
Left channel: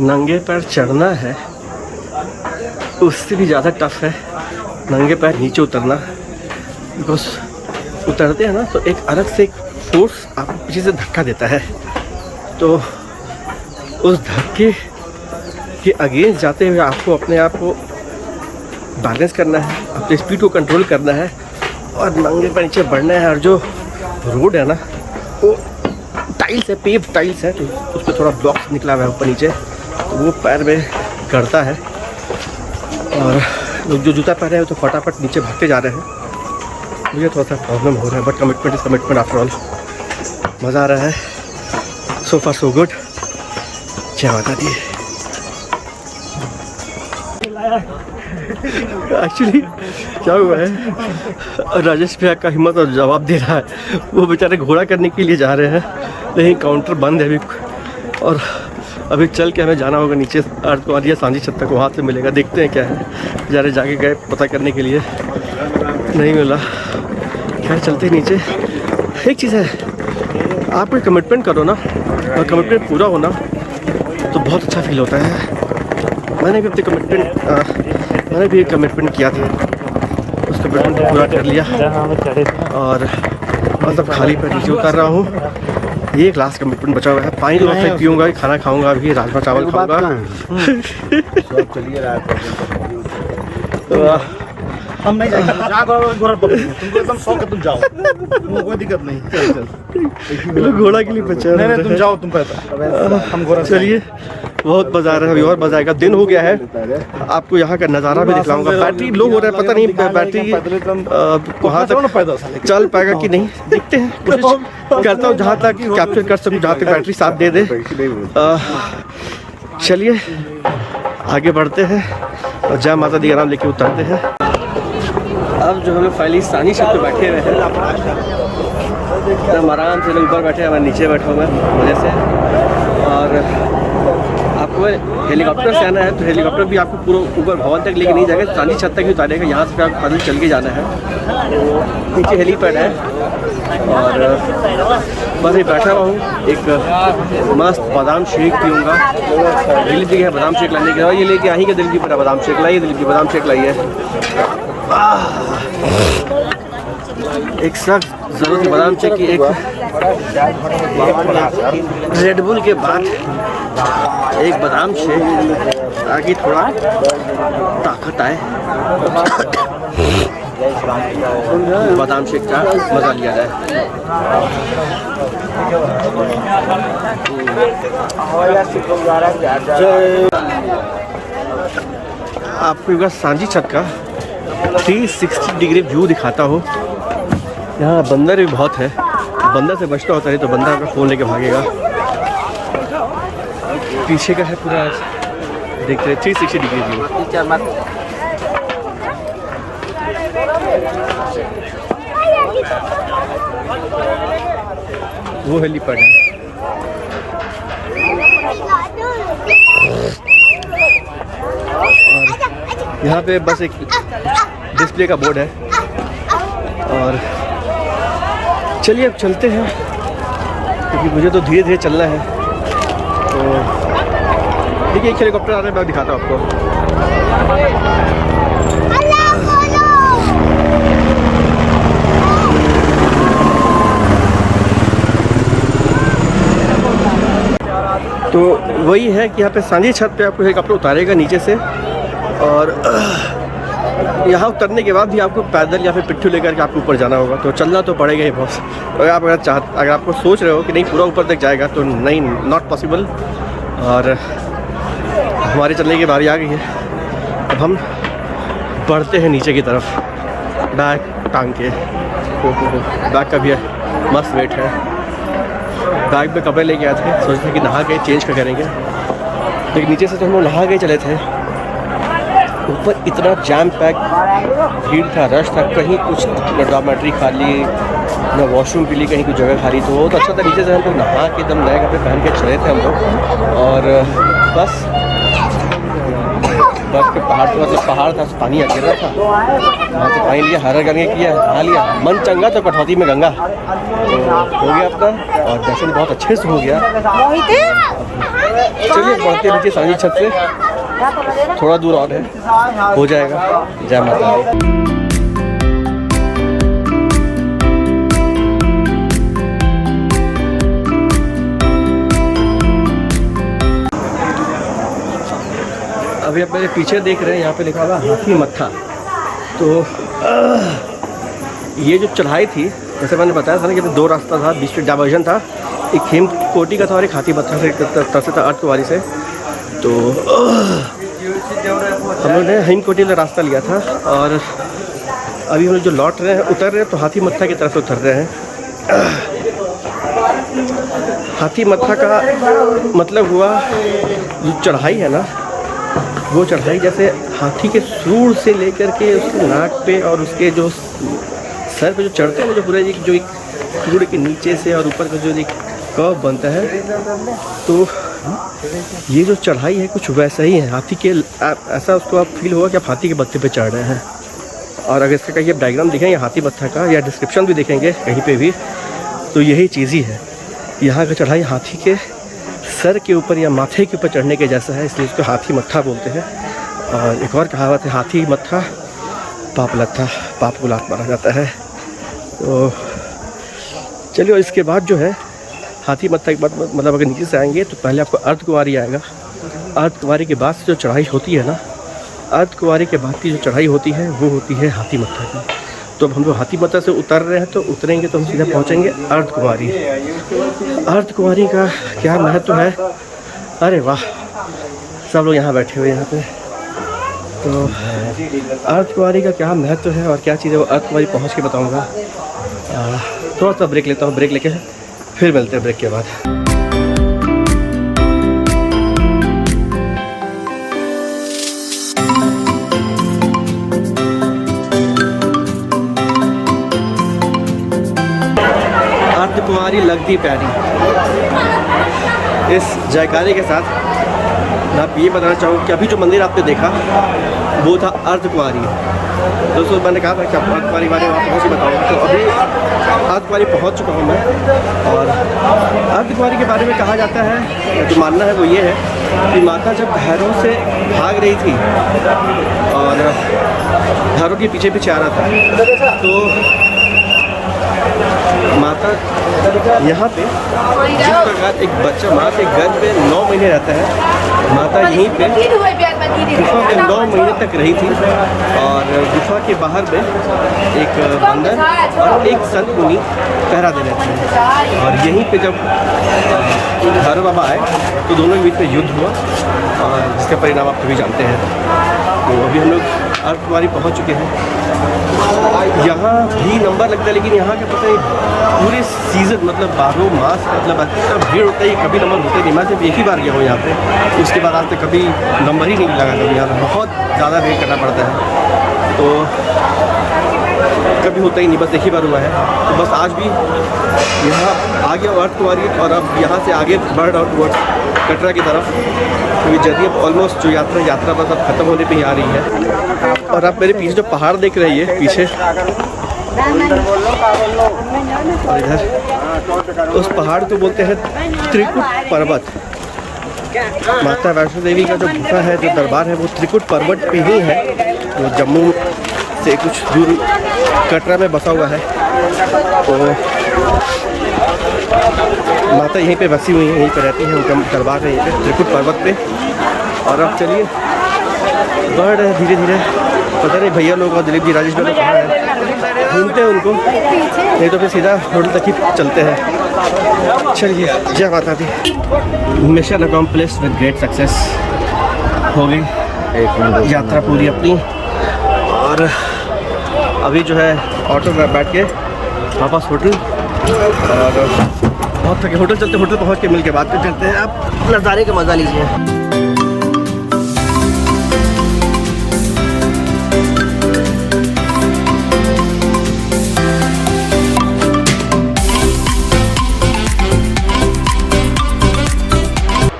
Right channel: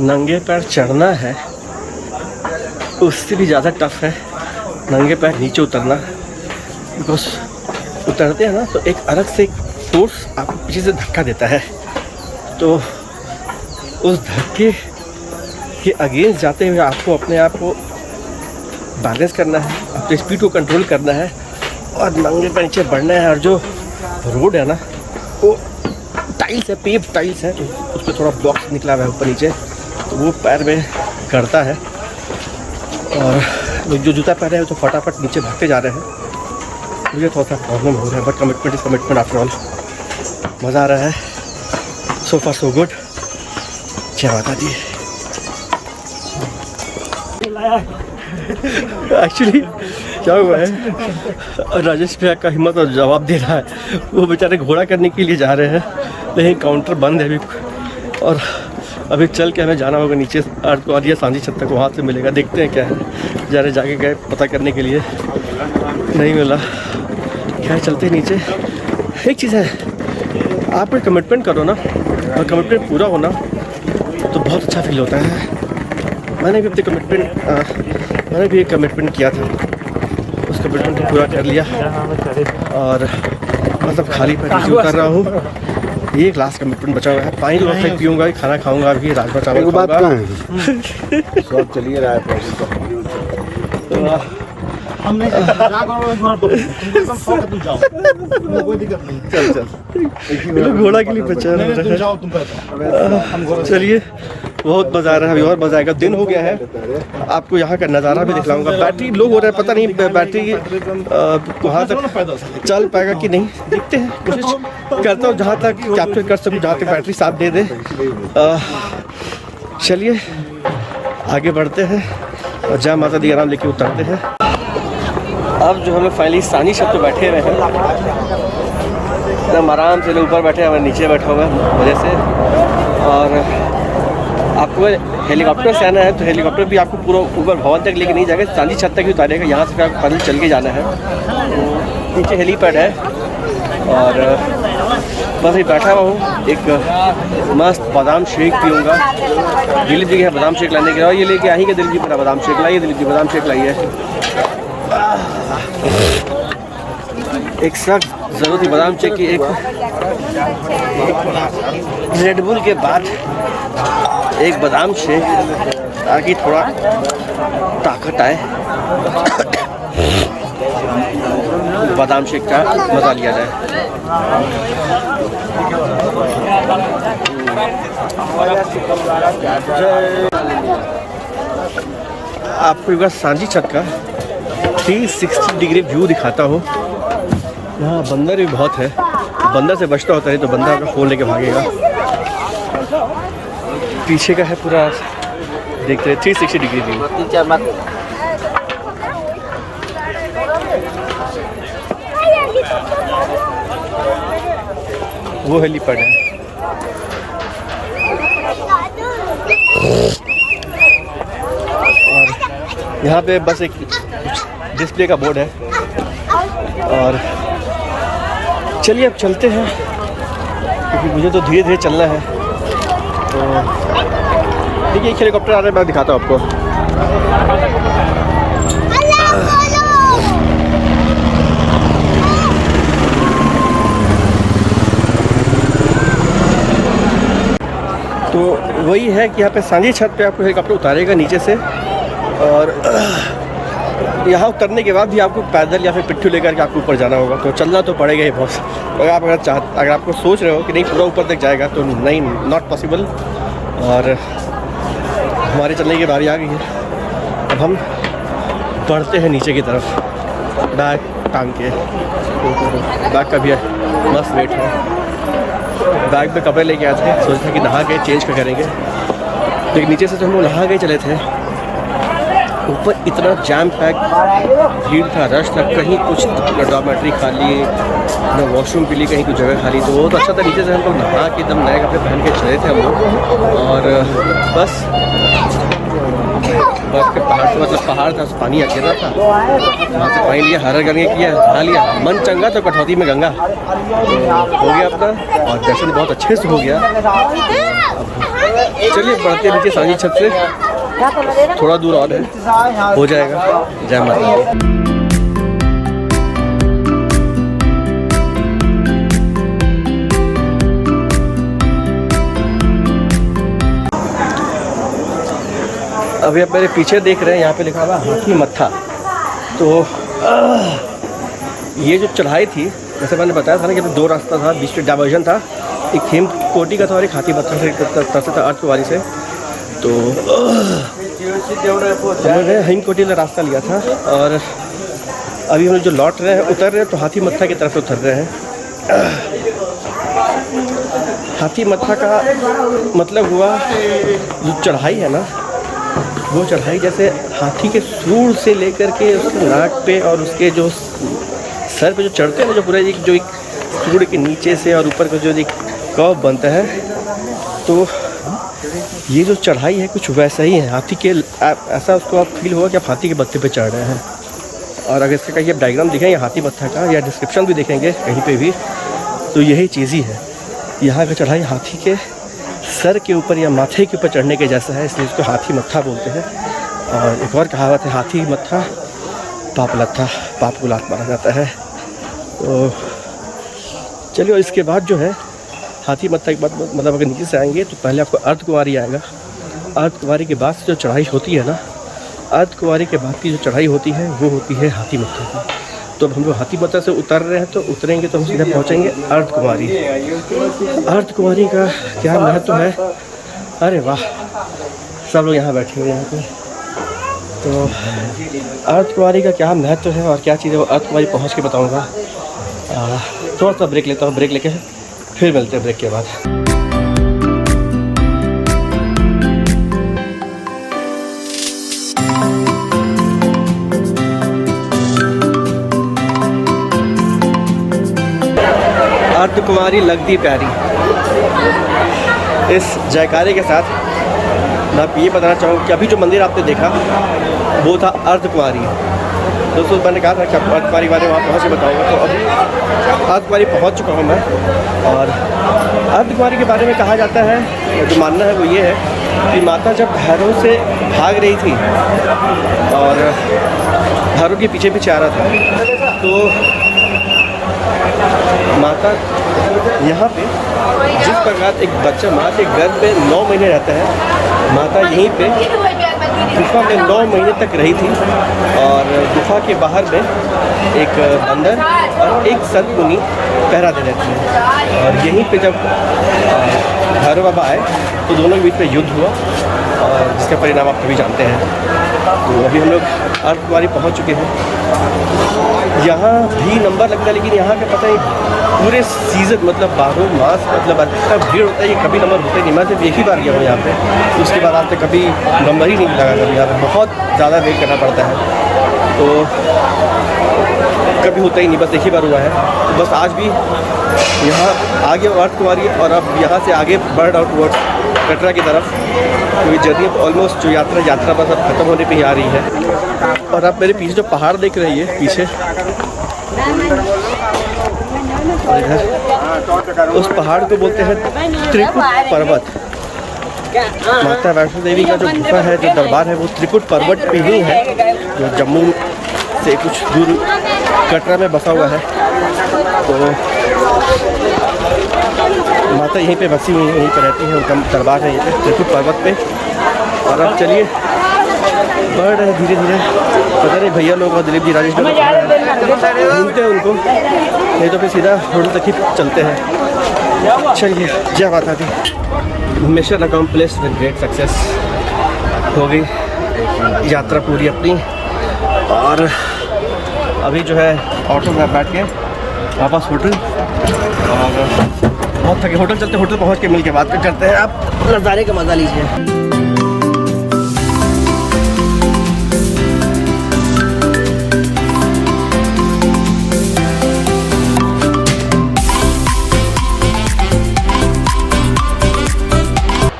नंगे पैर चढ़ना है उससे भी ज़्यादा टफ है नंगे पैर नीचे उतरना। बिकॉज उतरते हैं ना तो एक अलग से एक फोर्स आपको पीछे से धक्का देता है, तो उस धक्के के अगेंस्ट जाते हुए आपको अपने आप को बैलेंस करना है, अपनी स्पीड को कंट्रोल करना है और नंगे पैर नीचे बढ़ना है। और जो रोड है ना वो टाइल्स है, पेव टाइल्स है, तो उस पर थोड़ा ब्लॉक निकला हुआ है ऊपर नीचे, तो वो पैर में करता है। और लोग जो जूता पहने हैं तो फटाफट नीचे भागते जा रहे हैं। मुझे थोड़ा सा प्रॉब्लम हो रहा है, but commitment is commitment after all. मज़ा आ रहा है, सो फार सो गुड। क्या बता दी। एक्चुअली क्या हुआ है, राजेश भैया का हिम्मत और जवाब दे रहा है। वो बेचारे घोड़ा करने के लिए जा रहे हैं, लेकिन काउंटर बंद है अभी। और अभी चल के हमें जाना होगा नीचे अर्थ को, या सांझी छत तक, वहाँ से मिलेगा। देखते हैं क्या है, बेचारे जाके गए पता करने के लिए, नहीं मिला। खैर चलते नीचे। एक चीज़ है, आप कोई कमिटमेंट करो ना और कमिटमेंट पूरा होना तो बहुत अच्छा फील होता है। मैंने भी अपनी एक कमिटमेंट किया था, उस कमिटमेंट को पूरा कर लिया और मतलब खाली पैर नीचे उतर रहा हूँ। ये एक लास्ट कमिटमेंट बचा हुआ है। पानी तो वक्त पीऊँगा, खाना खाऊँगा, अभी राजमा चावल खाऊँगा। हम नहीं जाओ, तुमको एकदम शौक है, तुम जाओ, तुमको कोई दिक्कत नहीं। चल चल, ये लोग घोड़ा के लिए बचा रहे तुम हैं। जाओ, तुम पैदल, हम घोड़ा। चलिए, बहुत मजा आ रहा है, अभी और मजा आएगा। दिन हो गया है, आपको यहाँ का नज़ारा भी दिखलाऊंगा। बैटरी लो हो रहा है, पता नहीं बैटरी वहाँ तक चल पाएगा कि नहीं, देखते हैं। कोशिश करता हूँ जहाँ तक कैप्चर कर सकूँ, जहाँ तक बैटरी साथ दे दे। चलिए आगे बढ़ते हैं और जय माता दी आराम लेके उतरते हैं। अब जो हम लोग फाइनली सानी छत पे बैठे हुए हैं, एकदम आराम से लोग ऊपर बैठे हैं, मैं नीचे बैठा हुआ है मज़े से। और आपको हेलीकॉप्टर से आना है तो हेलीकॉप्टर भी आपको पूरा ऊपर भवन तक लेके नहीं जाएगा, सांझी छत तक ही उतारेगा। यहाँ से फिर आपको पैदल चल के जाना है। तो पीछे हेलीपैड है और बस ही बैठा हुआ हूँ। एक मस्त बादाम शेक पीऊँगा। दिलीप जी के बादाम शेक लाने के लिए, और ये लेके आई कि दिलीप जी मेरा बादाम शेक लाइए, दिलीप जी बादाम शेक लाइए। एक सख्त ज़रूरत थी बादाम शेक की, एक रेडबुल के बाद एक बादाम शेक, ताकि थोड़ा ताकत आए। बादाम शेक का मज़ा लिया जाए। आपको एक बार सांझी छत का 360 डिग्री व्यू दिखाता हूँ। यहाँ बंदर भी बहुत है, बंदर से बचता होता है तो बंदर आपका फ़ोन लेके भागेगा। पीछे का है पूरा, देखते हैं 360 डिग्री व्यू। वो हेलीपैड है। और यहाँ पे बस एक डिस्प्ले का बोर्ड है। और चलिए अब चलते हैं, क्योंकि मुझे तो धीरे धीरे चलना है। तो देखिए एक हेलीकॉप्टर आ रहा है, मैं दिखाता हूँ आपको। तो वही है कि यहाँ पे सांझी छत पे आपको हेलीकॉप्टर उतारेगा नीचे से, और यहाँ उतरने के बाद भी आपको पैदल या फिर पिट्ठू लेकर के आपको ऊपर जाना होगा। तो चलना तो पड़ेगा ही बॉस। तो आप अगर आपको सोच रहे हो कि नहीं पूरा ऊपर तक जाएगा, तो नहीं, नॉट पॉसिबल। और हमारे चलने की बारी आ गई है। अब हम बढ़ते हैं नीचे की तरफ, बैग टांग के। बैग का भी है, मस्त वेट है। बैग में कपड़े लेके आए थे, सोचा था कि नहा के चेंज का करेंगे, लेकिन नीचे से तो हम लोग नहा के चले थे। ऊपर इतना जैम पैक भीड़ था, रश था, कहीं कुछ न डॉर्मेट्री खाली, न वॉशरूम के लिए कहीं कुछ जगह खाली। तो वो तो अच्छा था, नीचे से हम लोग नहा के एकदम नए कपड़े पहन के चले थे हम लोग। और बस बर्फ के पहाड़ से, मतलब पहाड़ था, पानी गिर रहा था, वहाँ से पानी लिया, हरा गंगे किया, नहा लिया। मन चंगा तो कटौती में गंगा। तो हो गया अपना, और दर्शन बहुत अच्छे से हो गया। अब चलिए बढ़ते नीचे सांझी छत से, थोड़ा दूर और है, हो जाएगा। जय माता दी। अभी आप मेरे पीछे देख रहे हैं, यहाँ पे लिखा हुआ हाथी मत्था। तो ये जो चढ़ाई थी, जैसे मैंने बताया था ना कि दो रास्ता था, बीच में डाइवर्जन था, एक हेमकोटी का था और एक हाथी मत्था से तरफ था, अर्धकुंवारी से। तो हम लोगों ने हेमकोटी वाला रास्ता लिया था, और अभी हम लोग जो लौट रहे हैं, उतर रहे हैं, तो हाथी मत्था की तरफ उतर रहे हैं। हाथी मत्था का मतलब हुआ, जो चढ़ाई है ना, वो चढ़ाई जैसे हाथी के सूंड से लेकर के उसके नाक पे और उसके जो सर पे जो चढ़ते हैं ना, जो पूरा जो एक सूंड के नीचे से और ऊपर का जो एक कर्व बनता है, तो ये जो चढ़ाई है कुछ वैसा ही है। हाथी के ऐसा उसको आप फील होगा कि आप हाथी के बत्ते पे चढ़ रहे हैं। और अगर इसका कहीं आप डायग्राम देखेंगे हाथी मत्था का, या डिस्क्रिप्शन भी देखेंगे कहीं पे भी, तो यही चीज़ ही है। यहाँ का चढ़ाई हाथी के सर के ऊपर या माथे के ऊपर चढ़ने के जैसा है, इसलिए उसको हाथी मत्था बोलते हैं। और एक और कहावत है, हाथी मत्था पाप लत्था, पाप को लात माना जाता है। तो चलिए, इसके बाद जो है हाथी मत्था के बाद, मतलब अगर नीचे से आएंगे तो पहले आपको अर्धकुंवारी आएगा। अर्धकुंवारी के बाद से जो चढ़ाई होती है ना, अर्धकुंवारी के बाद की जो चढ़ाई होती है वो होती है हाथी मत्था की। तो अब हम लोग हाथी मत्था से उतर रहे हैं, तो उतरेंगे तो हम सीधा पहुंचेंगे अर्धकुंवारी। अर्धकुंवारी का क्या महत्व है, अरे वाह, सब लोग यहाँ बैठे हुए हैं यहाँ पे। तो अर्धकुंवारी का क्या महत्व है और क्या चीज़ है वो अर्धकुंवारी पहुँच के बताऊँगा। थोड़ा सा ब्रेक लेता हूँ, ब्रेक लेके फिर मिलते हैं ब्रेक के बाद। अर्धकुंवारी लगती प्यारी, इस जयकारे के साथ मैं आप ये बताना चाहूँगा कि अभी जो मंदिर आपने देखा वो था अर्धकुंवारी। दोस्तों मैंने कहा था कि आप अर्धकुंवारी के बारे में वहाँ पहुँच के बताऊँगा, तो अभी अर्धकुंवारी पहुँच चुका हूँ मैं। और अर्धकुंवारी के बारे में कहा जाता है, या जो मानना है वो ये है कि माता जब भैरव से भाग रही थी और भैरव के पीछे पीछे आ रहा था, तो माता यहाँ पे जिस प्रकार एक बच्चा माँ के गर्भ में 9 महीने रहता है, माता यहीं पे गुफा में 9 महीने तक रही थी। और गुफा के बाहर में एक बंदर और एक संत मुनि पहरा दे रहे थे। और यहीं पे जब भैरव बाबा आए तो दोनों के बीच में युद्ध हुआ, और जिसका परिणाम आप सभी जानते हैं। तो अभी हम लोग अर्धकुंवारी पहुँच चुके हैं। यहाँ भी नंबर लगता है, लेकिन यहाँ का पता नहीं पूरे सीज़न मतलब 12 मास मतलब इतना भीड़ होता है कि कभी नंबर होता ही नहीं। मैं सिर्फ एक ही बार गया हूँ यहाँ पे, उसके बाद आज तक कभी नंबर ही नहीं लगा। कभी यहाँ पे बहुत ज़्यादा वेट करना पड़ता है, तो कभी होता ही नहीं, बस एक ही बार हुआ है। तो बस आज भी यहाँ आ गया अर्धकुंवारी, और अब यहाँ से आगे बढ़ आउट टुवर्ड्स कटरा की तरफ, क्योंकि जर्नी अब ऑलमोस्ट जो यात्रा बस अब ख़त्म होने पे ही आ रही है। और आप मेरे पीछे जो पहाड़ देख रहे हैं पीछे, और इधर उस पहाड़ को बोलते हैं त्रिकुट पर्वत। माता वैष्णो देवी का जो गुफा है, जो दरबार है, वो त्रिकुट पर्वत पे ही है, जो जम्मू से कुछ दूर कटरा में बसा हुआ है। तो माता यहीं पे बसी हुई है, यहीं पर रहती है, उनका दरबार है यहीं पे त्रिकुट पर्वत पे। और अब चलिए बढ़ रहे हैं धीरे धीरे। पता नहीं भैया लोग और दिलीप जी, राजेश भाई लोग कहाँ हैं, ढूंढते हैं उनको, नहीं तो फिर सीधा होटल तक ही चलते हैं। चलिए, जय माता दी। Mission accomplished with great success, हो गई यात्रा पूरी अपनी। और अभी जो है ऑटो में बैठ के वापस होटल, और बहुत थके, होटल चलते, होटल पहुँच के मिल के बात करते हैं। आप नज़ारे का मज़ा लीजिए।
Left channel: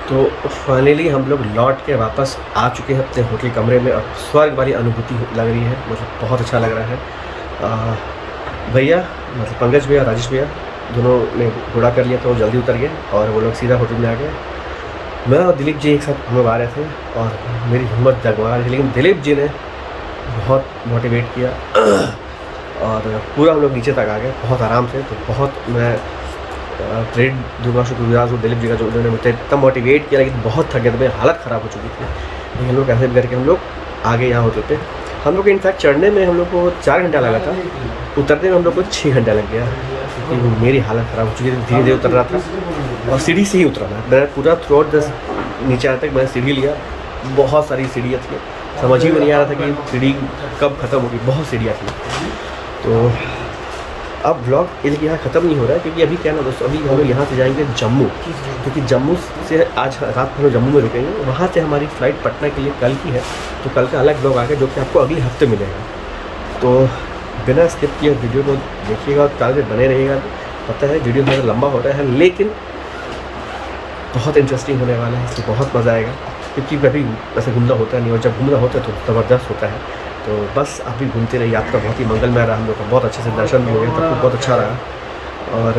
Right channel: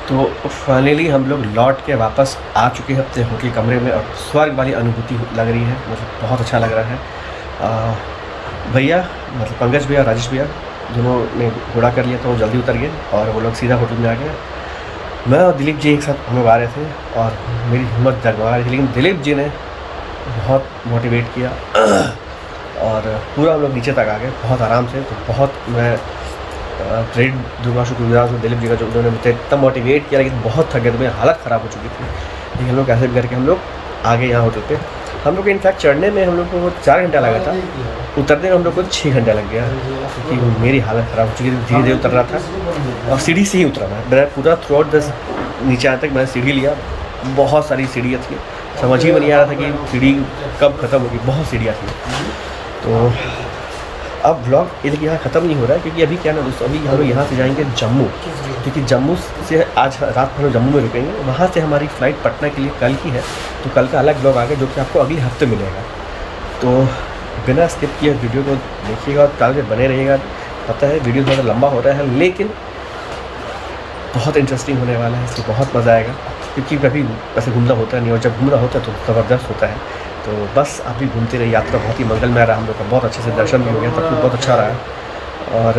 तो फाइनली हम लोग लौट के वापस आ चुके हैं अपने होटल कमरे में, और स्वर्ग वाली अनुभूति लग रही है, मतलब बहुत अच्छा लग रहा है। भैया मतलब पंकज भैया, राजेश भैया दोनों ने घोड़ा कर लिया, तो वो जल्दी उतर गए और वो लोग सीधा होटल में आ गए। मैं और दिलीप जी एक साथ हम लोग आ रहे थे, और मेरी हिम्मत जगमगा रही थी, लेकिन दिलीप जी ने बहुत मोटिवेट किया और पूरा हम लोग नीचे तक आ गए बहुत आराम से। तो बहुत मैं क्रेडिट दूंगा, शुक्रगुजार हूँ दिलीप जी का, जो उन्होंने मुझे इतना मोटिवेट किया। लेकिन बहुत थके थे, मेरी हालत ख़राब हो चुकी थी, लेकिन हम लोग कैसे भी करके हम लोग आ गए यहाँ होटल पे। हम लोग को इनफैक्ट चढ़ने में हम लोग को 4 घंटा लगा था, उतरने में हम लोग को 6 घंटा लग गया, क्योंकि मेरी हालत ख़राब हो चुकी थी, धीरे धीरे उतर रहा था। और सीढ़ी से ही उतरा मैं पूरा थ्रू आउट नीचे आने तक मैंने सीढ़ी लिया। बहुत सारी सीढ़ियाँ थी, समझ ही में नहीं आ रहा था कि सीढ़ी कब ख़त्म होगी, बहुत सीढ़ियाँ थी। तो अब ब्लॉग ये यहाँ ख़त्म नहीं हो रहा है, क्योंकि अभी क्या ना दोस्तों, अभी हम लोग यहाँ से जाएंगे जम्मू, क्योंकि जम्मू से आज रात हम लोग जम्मू में रुकेंगे। वहाँ से हमारी फ़्लाइट पटना के लिए कल की है, तो कल का अलग ब्लॉग आ गया, जो कि आपको अगले हफ्ते मिलेगा। तो बिना स्किप किए वीडियो को देखिएगा और कल में बने रहिएगा। पता है वीडियो थोड़ा लंबा हो रहा है, लेकिन बहुत इंटरेस्टिंग होने वाला है, इसलिए बहुत मज़ा आएगा। क्योंकि कभी वैसे घूमना होता नहीं, और जब घूमना होता है तो ज़बरदस्त होता है। तो बस अभी घूमते रहे, यात्रा बहुत ही मंगलमय रहा हम लोग का, बहुत अच्छे से दर्शन भी हो गया, सब कुछ बहुत अच्छा रहा। और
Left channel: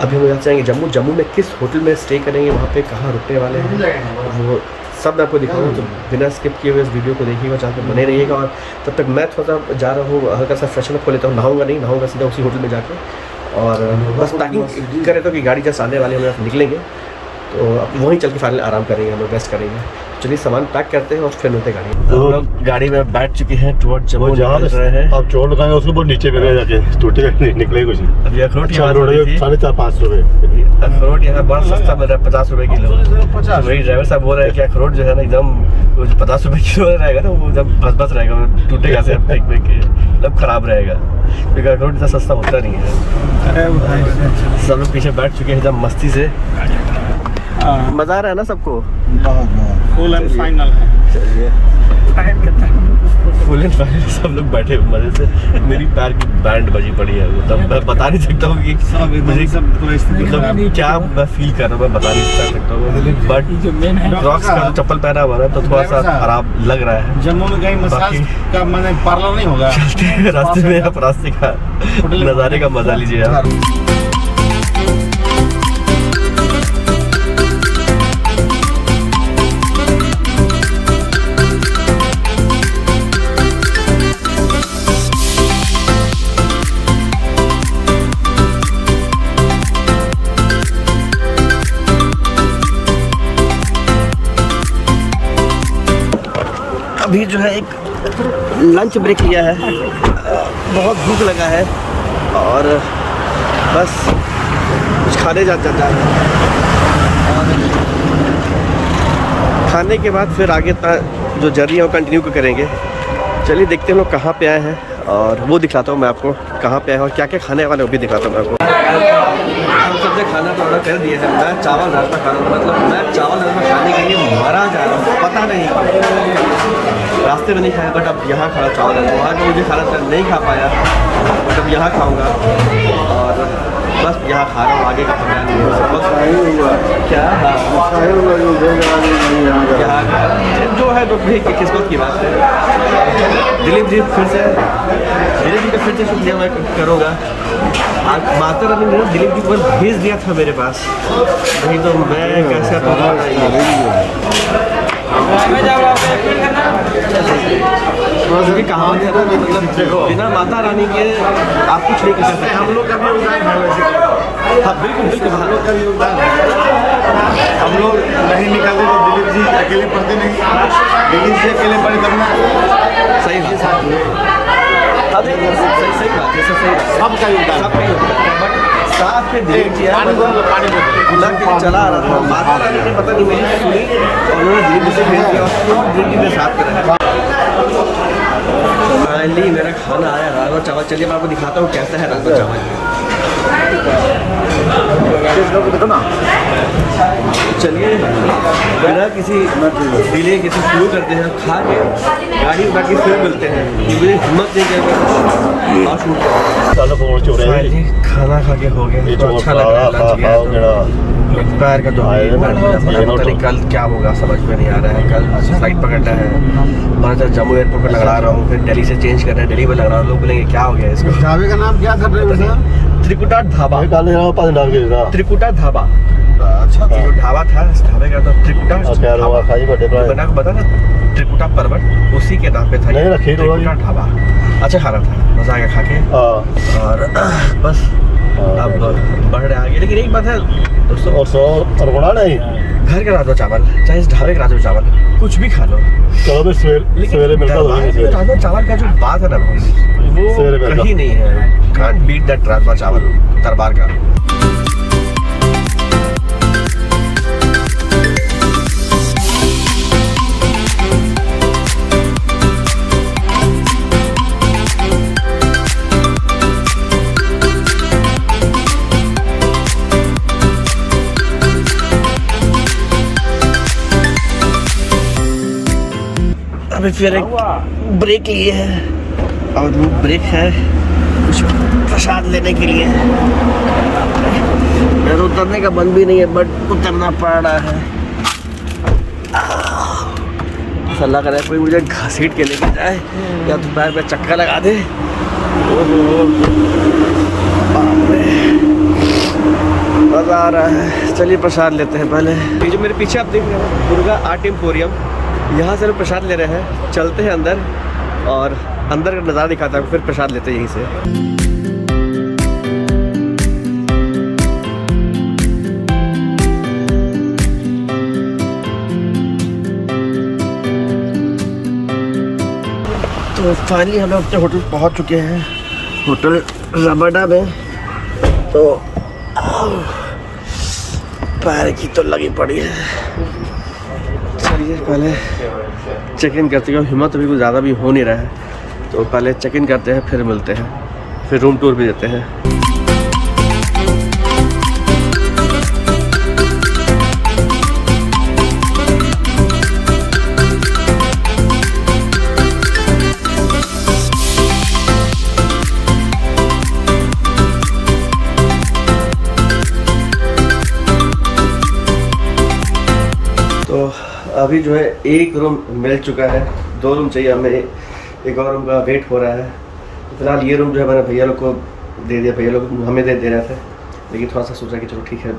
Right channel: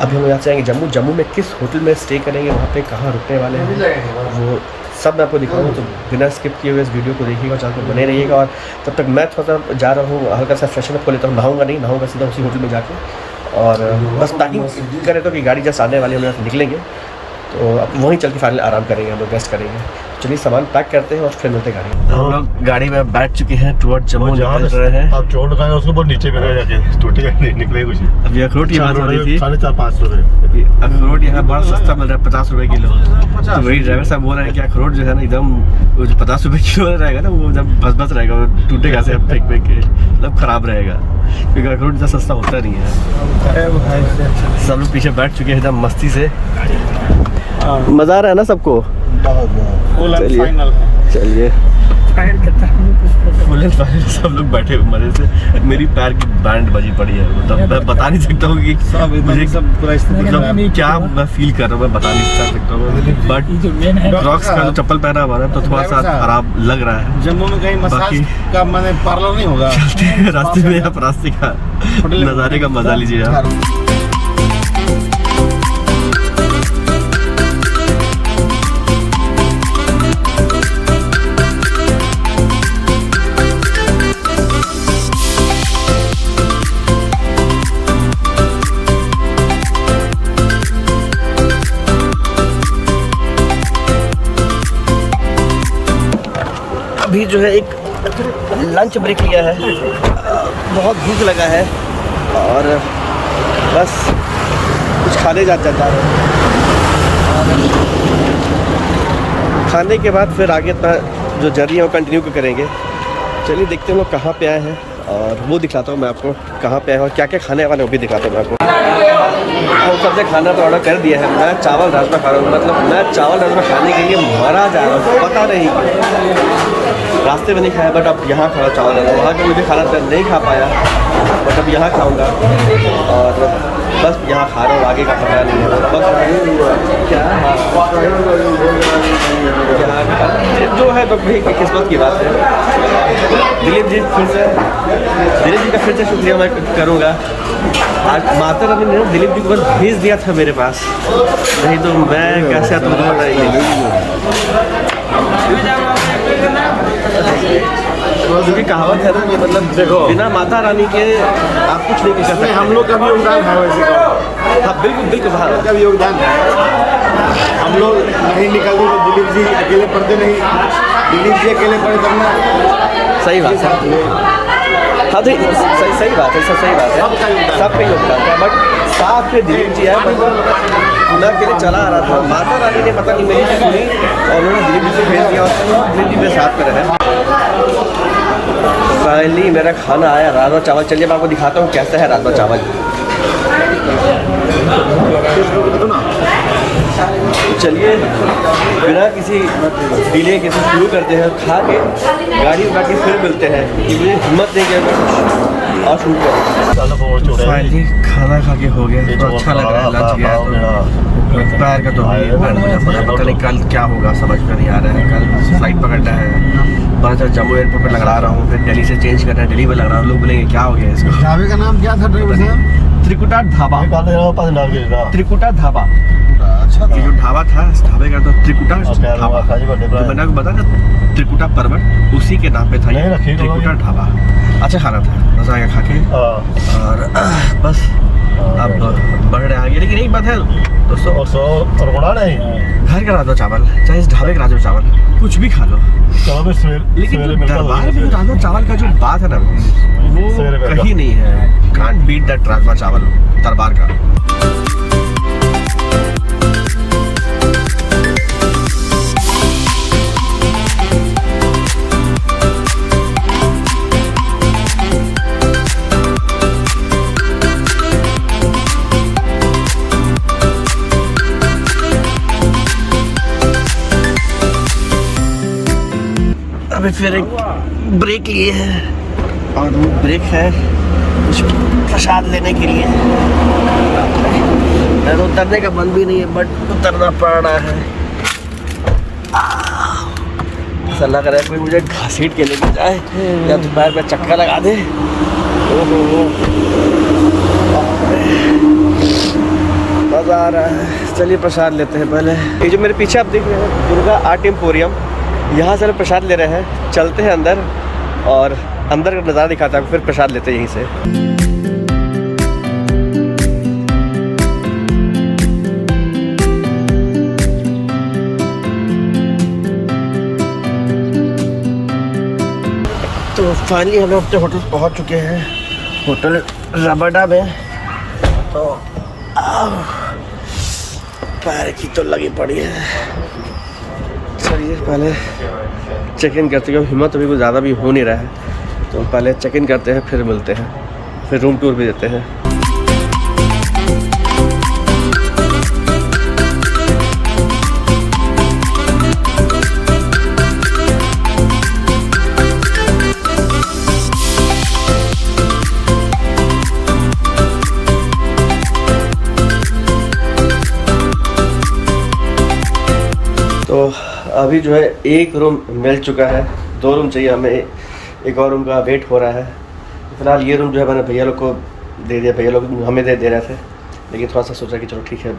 अभी हम लोग यहाँ से आएंगे जम्मू। जम्मू में किस होटल में स्टे करेंगे, वहाँ पे कहाँ रुकने वाले हैं, वो सब मैं आपको दिखाऊंगा। तो बिना स्किप किए हुए इस वीडियो को देखिएगा, चैनल पे बने रहिएगा। और तब तक मैं थोड़ा सा जा रहा हूँ, हल्का सा फ्रेशन अप हो लेता हूँ, नहाऊंगा सीधा उसी होटल में जाके, और बस पैकिंग करें तो कि गाड़ी जस्ट आने वाली हम यहाँ से निकलेंगे, तो अब वहीं चल के फाइनल आराम करेंगे, हम लोग रेस्ट करेंगे। चलिए सामान पैक करते हैं और फिर मिलते हैं गाड़ी में। हम लोग गाड़ी में बैठ चुके हैं, टुवर्ड जम्मू निकल रहे हैं। आप चोट लगाएंगे उसको बहुत नीचे भी जाके टूटे निकले कुछ। अब ये अखरोट की बात हो रही थी, 450-500 रुपये। अखरोट यहाँ बड़ा सस्ता मिल रहा है, 50 रुपए किलो। तो वही ड्राइवर साहब बोल रहे हैं कि अखरोट जो है ना एकदम 50 रुपए किलो रहेगा ना, वो जब बस रहेगा, वो टूटेगा से फेंक के, मतलब खराब रहेगा, क्योंकि अखरोट इतना सस्ता होता नहीं है। सब लोग पीछे बैठ चुके हैं एकदम मस्ती से। मजा आ रहा है ना सबको? फुल एंड फाइनल है। चलिए फुल एंड फाइनल सब लोग बैठे हुए मजे से। मेरी पैर की बैंड बजी पड़ी है, वो तब मैं बता नहीं सकता हूँ कि मुझे मतलब क्या मैं फील कर रहा हूँ, मैं बता नहीं सकता हूँ। बट क्रॉक्स का जो चप्पल पहना हुआ है तो थोड़ा सा खराब लग रहा है। जम्मू में कहीं मसाज का मैंने पार्लर नहीं होगा। रास्ते में आप रास्ते का नज़ारे का मजा लीजिए आप। अभी जो है एक लंच ब्रेक लिया है, बहुत भूख लगा है और बस कुछ खाने जा रहे हैं और खाने के बाद फिर आगे जो जर्नी है वो कंटिन्यू करेंगे। चलिए देखते हैं हम लोग कहाँ पे आए हैं और वो दिखाता हूँ मैं आपको, कहाँ पे आए हैं और क्या क्या खाने वाले वो भी दिखाता हूँ मैं आपको। हम सबसे खाना तो ऑर्डर कर दिया है। मैं चावल राजमा खा रहा हूँ, मतलब मैं चावल राजमा खाने के लिए मरा जा रहा हूँ, पता नहीं क्यों। रास्ते में नहीं खाया, बट अब यहाँ खाना चावल है, वहाँ के मुझे खाना नहीं खा पाया, बट अब यहाँ खाऊंगा और बस यहाँ खा रहा हूँ, आगे का पता नहीं है। बस क्या यहाँ जो है तो भाई किस्मत की बात है। दिलीप जी का फिर से शुक्रिया मैं करूँगा। आज माता रानी ने दिलीप जी को बस भेज दिया था मेरे पास, नहीं तो मैं कैसे आता क्योंकि कहावत है ना कि मतलब बिना माता रानी के आप कुछ नहीं कर सकते। हम लोग का भी योगदान है। हाँ बिल्कुल बिल्कुल, हम लोग का भी योगदान है। हम लोग नहीं निकलते तो दिलीप जी अकेले पढ़ते नहीं, दिलीप जी अकेले पढ़े तब ना। सही बात है, सही बात है, सही बात है, सबका योगदान है। बट साथ में दिलीप जी है, मतलब मैं अकेले चला आ रहा था, माता रानी ने पता नहीं मेरी सुनी और उन्होंने दिलीप जी से भेज दिया और दिलीप जी मेरे साथ पर है। फाइनली मेरा खाना आया, राजमा चावल। चलिए मैं आपको दिखाता हूँ कैसा है राजमा चावल। चलिए बिना किसी डिले के शुरू करते हैं, खा के गाड़ी उठा के फिर मिलते हैं कि मुझे हिम्मत नहीं किया मैं कुछ और शूट करूँ। फाइनली खाना खा के हो गया, तो अच्छा लग रहा है। लंच गया तो पैर का तो बैंड बजा पड़ा, पता नहीं कल क्या होगा, समझ में नहीं आ रहा है। कल फ्लाइट पकड़ना है और अच्छा जम्मू एयरपोर्ट पर लगा रहा हूँ, फिर दिल्ली से चेंज करना है, दिल्ली में लग रहा हूँ। लोग बोलेंगे क्या हो गया इसको। ढाबे का नाम क्या था ड्राइवर साहब? त्रिकुटा ढाबा। त्रिकुटा ढाबा, अच्छा ये जो ढाबा था इस ढाबे का तो त्रिकुटा ढाबा, मैंने आपको बताया ना त्रिकुटा पर्वत, उसी के नाम पे था ये त्रिकुटा ढाबा। अच्छा खाना था, मजा आ गया खा के और बस अब बढ़ रहे आगे। लेकिन एक बात है दोस्तों, घर का राजमा चावल चाहे इस ढाबे का राजमा चावल कुछ भी खा लो, लेकिन दरबार में राजमा चावल का जो बात है ना वो कहीं नहीं है। कांट बीट दैट राजमा चावल दरबार का। अभी फिर एक ब्रेक लिए हैं और वो ब्रेक है कुछ प्रसाद लेने के लिए। मैं तो उतरने का मन भी नहीं है, बट उतरना पड़ रहा है। ऐसा लग रहा है कोई मुझे घसीट के लेके जाए या तो पैर पे चक्का लगा दे। ओहो मज़ा आ रहा है। चलिए प्रसाद लेते हैं पहले। ये जो मेरे पीछे आप देख रहे हैं दुर्गा आर्ट एम्पोरियम, यहाँ से प्रसाद ले रहे हैं। चलते हैं अंदर और अंदर का नज़ारा दिखाता हूँ, फिर प्रसाद लेते हैं यहीं से। तो फाइनली हम लोग अपने होटल पहुंच चुके हैं, होटल रबाडा में। तो पैर की तो लगी पड़ी है। चलिए पहले चेक इन करते हैं, हिम्मत अभी कुछ ज़्यादा भी हो नहीं रहा है, तो पहले चेक इन करते हैं फिर मिलते हैं, फिर रूम टूर भी देते हैं। तो अभी जो है एक रूम मिल चुका है, 2 रूम चाहिए हमें, एक और रूम का वेट हो रहा है। फिलहाल ये रूम जो है मैंने भैया लोग को दे दिया, भैया लोग हमें दे रहे थे, लेकिन थोड़ा सा सोचा कि चलो ठीक है,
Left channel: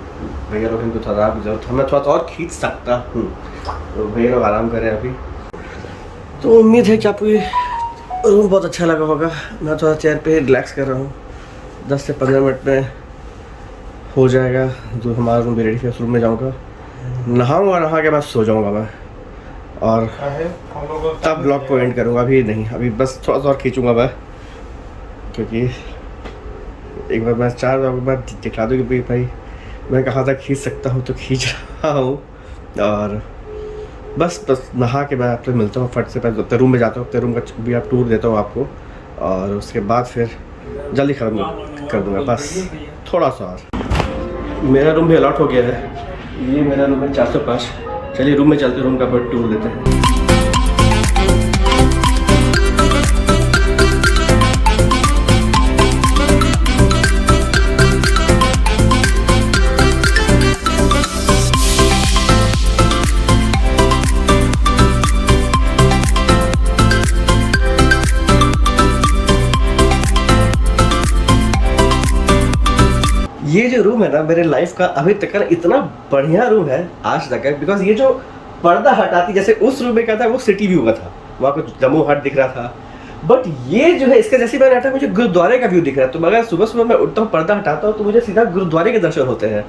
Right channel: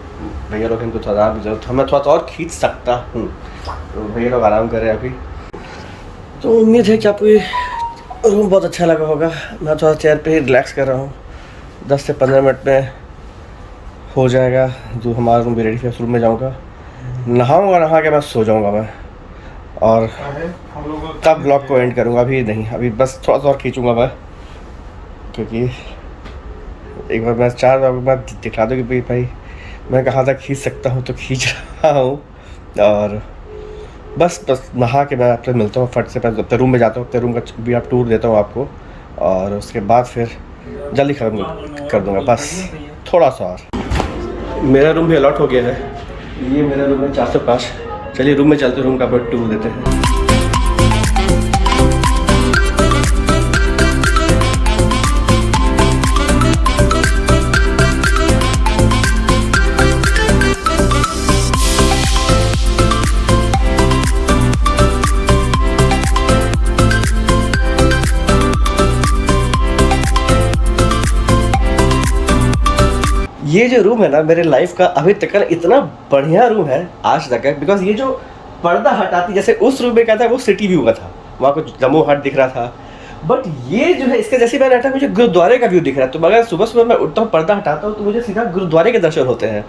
भैया लोग इनको थोड़ा आराम की जरूरत है, मैं थोड़ा सा और खींच सकता हूँ, तो भैया लोग आराम कर रहे हैं अभी। तो उम्मीद है कि आपको ये रूम बहुत अच्छा लगा होगा। मैं थोड़ा चेयर पे ही रिलैक्स कर रहा हूँ, 10 से 15 मिनट में हो जाएगा जो हमारा रूम भी रेडी है। उस रूम में जाऊँगा, नहाऊंगा, नहा के मैं सो जाऊंगा मैं, और तब ब्लॉग को एंड करूंगा। अभी नहीं, अभी बस थोड़ा सा और खींचूंगा मैं, क्योंकि एक बार मैं 4 ब्लॉग में दिखला दूँ कि भाई मैं कहाँ तक खींच सकता हूँ, तो खींच रहा हूँ। और बस नहा के मैं आपसे मिलता हूँ फट से, पहले अपने रूम में जाता हूँ, अपने रूम का भी आप टूर देता हूँ आपको, और उसके बाद फिर जल्दी ख़त्म कर दूँगा, बस थोड़ा सा और। मेरा रूम भी अलॉट हो गया है, ये मेरा रूम है 405। चलिए रूम में चलते, रूम का पर टूर देते हैं। ये जो रूम है ना, मेरे लाइफ का अभी तक का इतना बढ़िया रूम है आज तक, बिकॉज ये जो पर्दा हटाती, जैसे उस रूम में क्या था, वो सिटी व्यू का था, वहाँ कुछ जम्मू हट दिख रहा था, बट ये जो है इसका जैसे मैंने हटा, मुझे गुरुद्वारे का व्यू दिख रहा है। तो अगर सुबह सुबह मैं उठता हूँ, पर्दा हटाता हूँ, तो मुझे सीधा गुरुद्वारे के दर्शन होते हैं।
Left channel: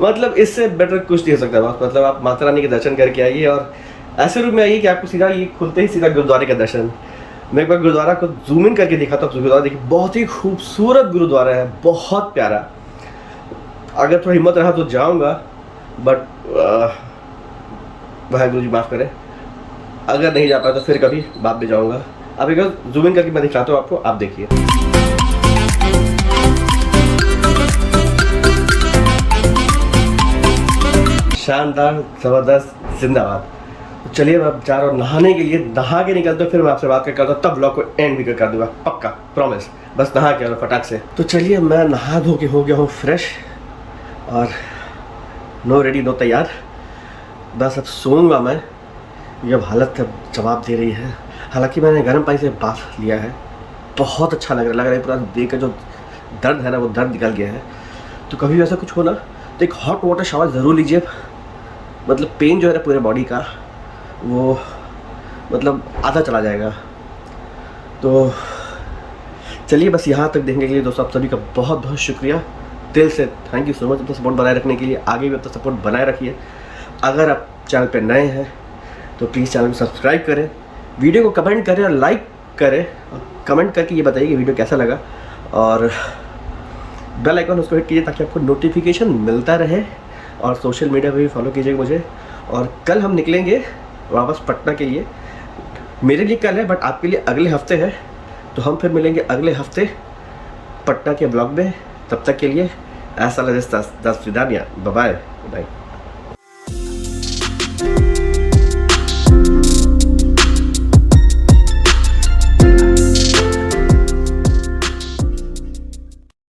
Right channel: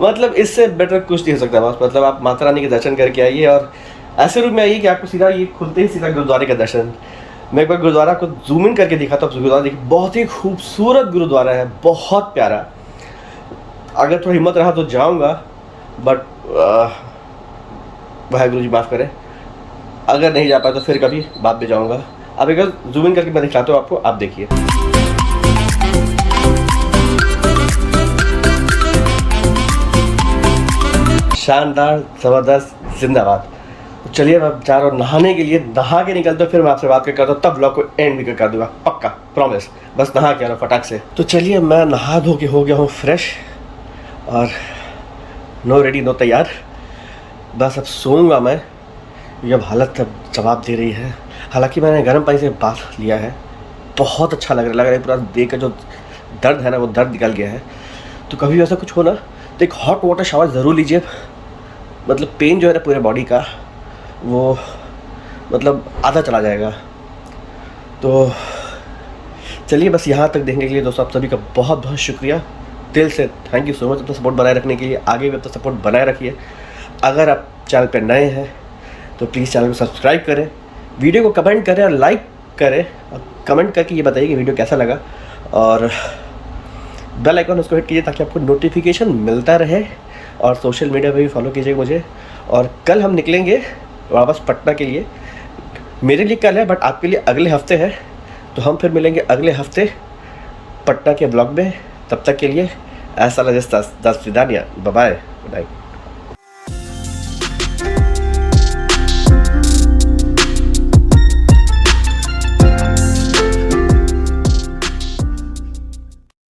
मतलब इससे बेटर कुछ नहीं हो सकता बस। मतलब आप माता रानी के दर्शन करके आइए, और ऐसे रूम में आइए कि आपको सीधा ये खुलते ही सीधा गुरुद्वारे का दर्शन। मैं एक बार गुरुद्वारा को जूम इन करके दिखा, तो गुरुद्वारा देखिए, बहुत ही खूबसूरत गुरुद्वारा है, बहुत प्यारा। अगर थोड़ा हिम्मत रहा तो जाऊंगा, बट वाहेगुरु जी माफ़ करें, अगर नहीं जा पाया तो फिर कभी बाद में जाऊंगा। अब एक जूम इन करके मैं दिखाता हूँ आपको, आप देखिए। शानदार, ज़बरदस्त, जिंदाबाद। तो चलिए अब जा रहा हूँ नहाने के लिए, नहा के निकलते फिर मैं आपसे बात करता हूँ, तब ब्लॉग को एंड भी कर दूंगा, पक्का प्रॉमिस। बस नहा के आ रहा हूँ फटाक से। तो चलिए मैं नहा धो के हो गया हूँ फ्रेश, और नो रेडी नो तैयार, बस अब सोऊंगा मैं। ये अब हालत अब जवाब दे रही है। हालांकि मैंने गर्म पानी से बाथ लिया है, बहुत अच्छा लग रहा है पूरा देह का जो दर्द है ना, वो दर्द निकल गया है। तो कभी ऐसा कुछ हो ना, तो एक हॉट वाटर शावर ज़रूर लीजिए। मतलब पेन जो है ना पूरे बॉडी का, वो मतलब आधा चला जाएगा। तो चलिए बस यहाँ तक देखने के लिए दोस्तों आप सभी का बहुत बहुत शुक्रिया, दिल से थैंक यू सो मच अपना सपोर्ट बनाए रखने के लिए। आगे भी अपना सपोर्ट बनाए रखिए। अगर आप चैनल पर नए हैं तो प्लीज़ चैनल को सब्सक्राइब करें, वीडियो को कमेंट करें और लाइक करें, और कमेंट करके ये बताइए कि वीडियो कैसा लगा, और बेल आइकन उसको हिट कीजिए ताकि आपको नोटिफिकेशन मिलता रहे। और सोशल मीडिया पे भी फॉलो कीजिएगा मुझे। और कल हम निकलेंगे वापस पटना के लिए। मेरे लिए कल है, बट आपके लिए अगले हफ्ते है। तो हम फिर मिलेंगे अगले हफ्ते पटना के ब्लॉग में। तब तक के लिए ऐसा लगे दस विदानिया, बाय बाय, गुड नाइट।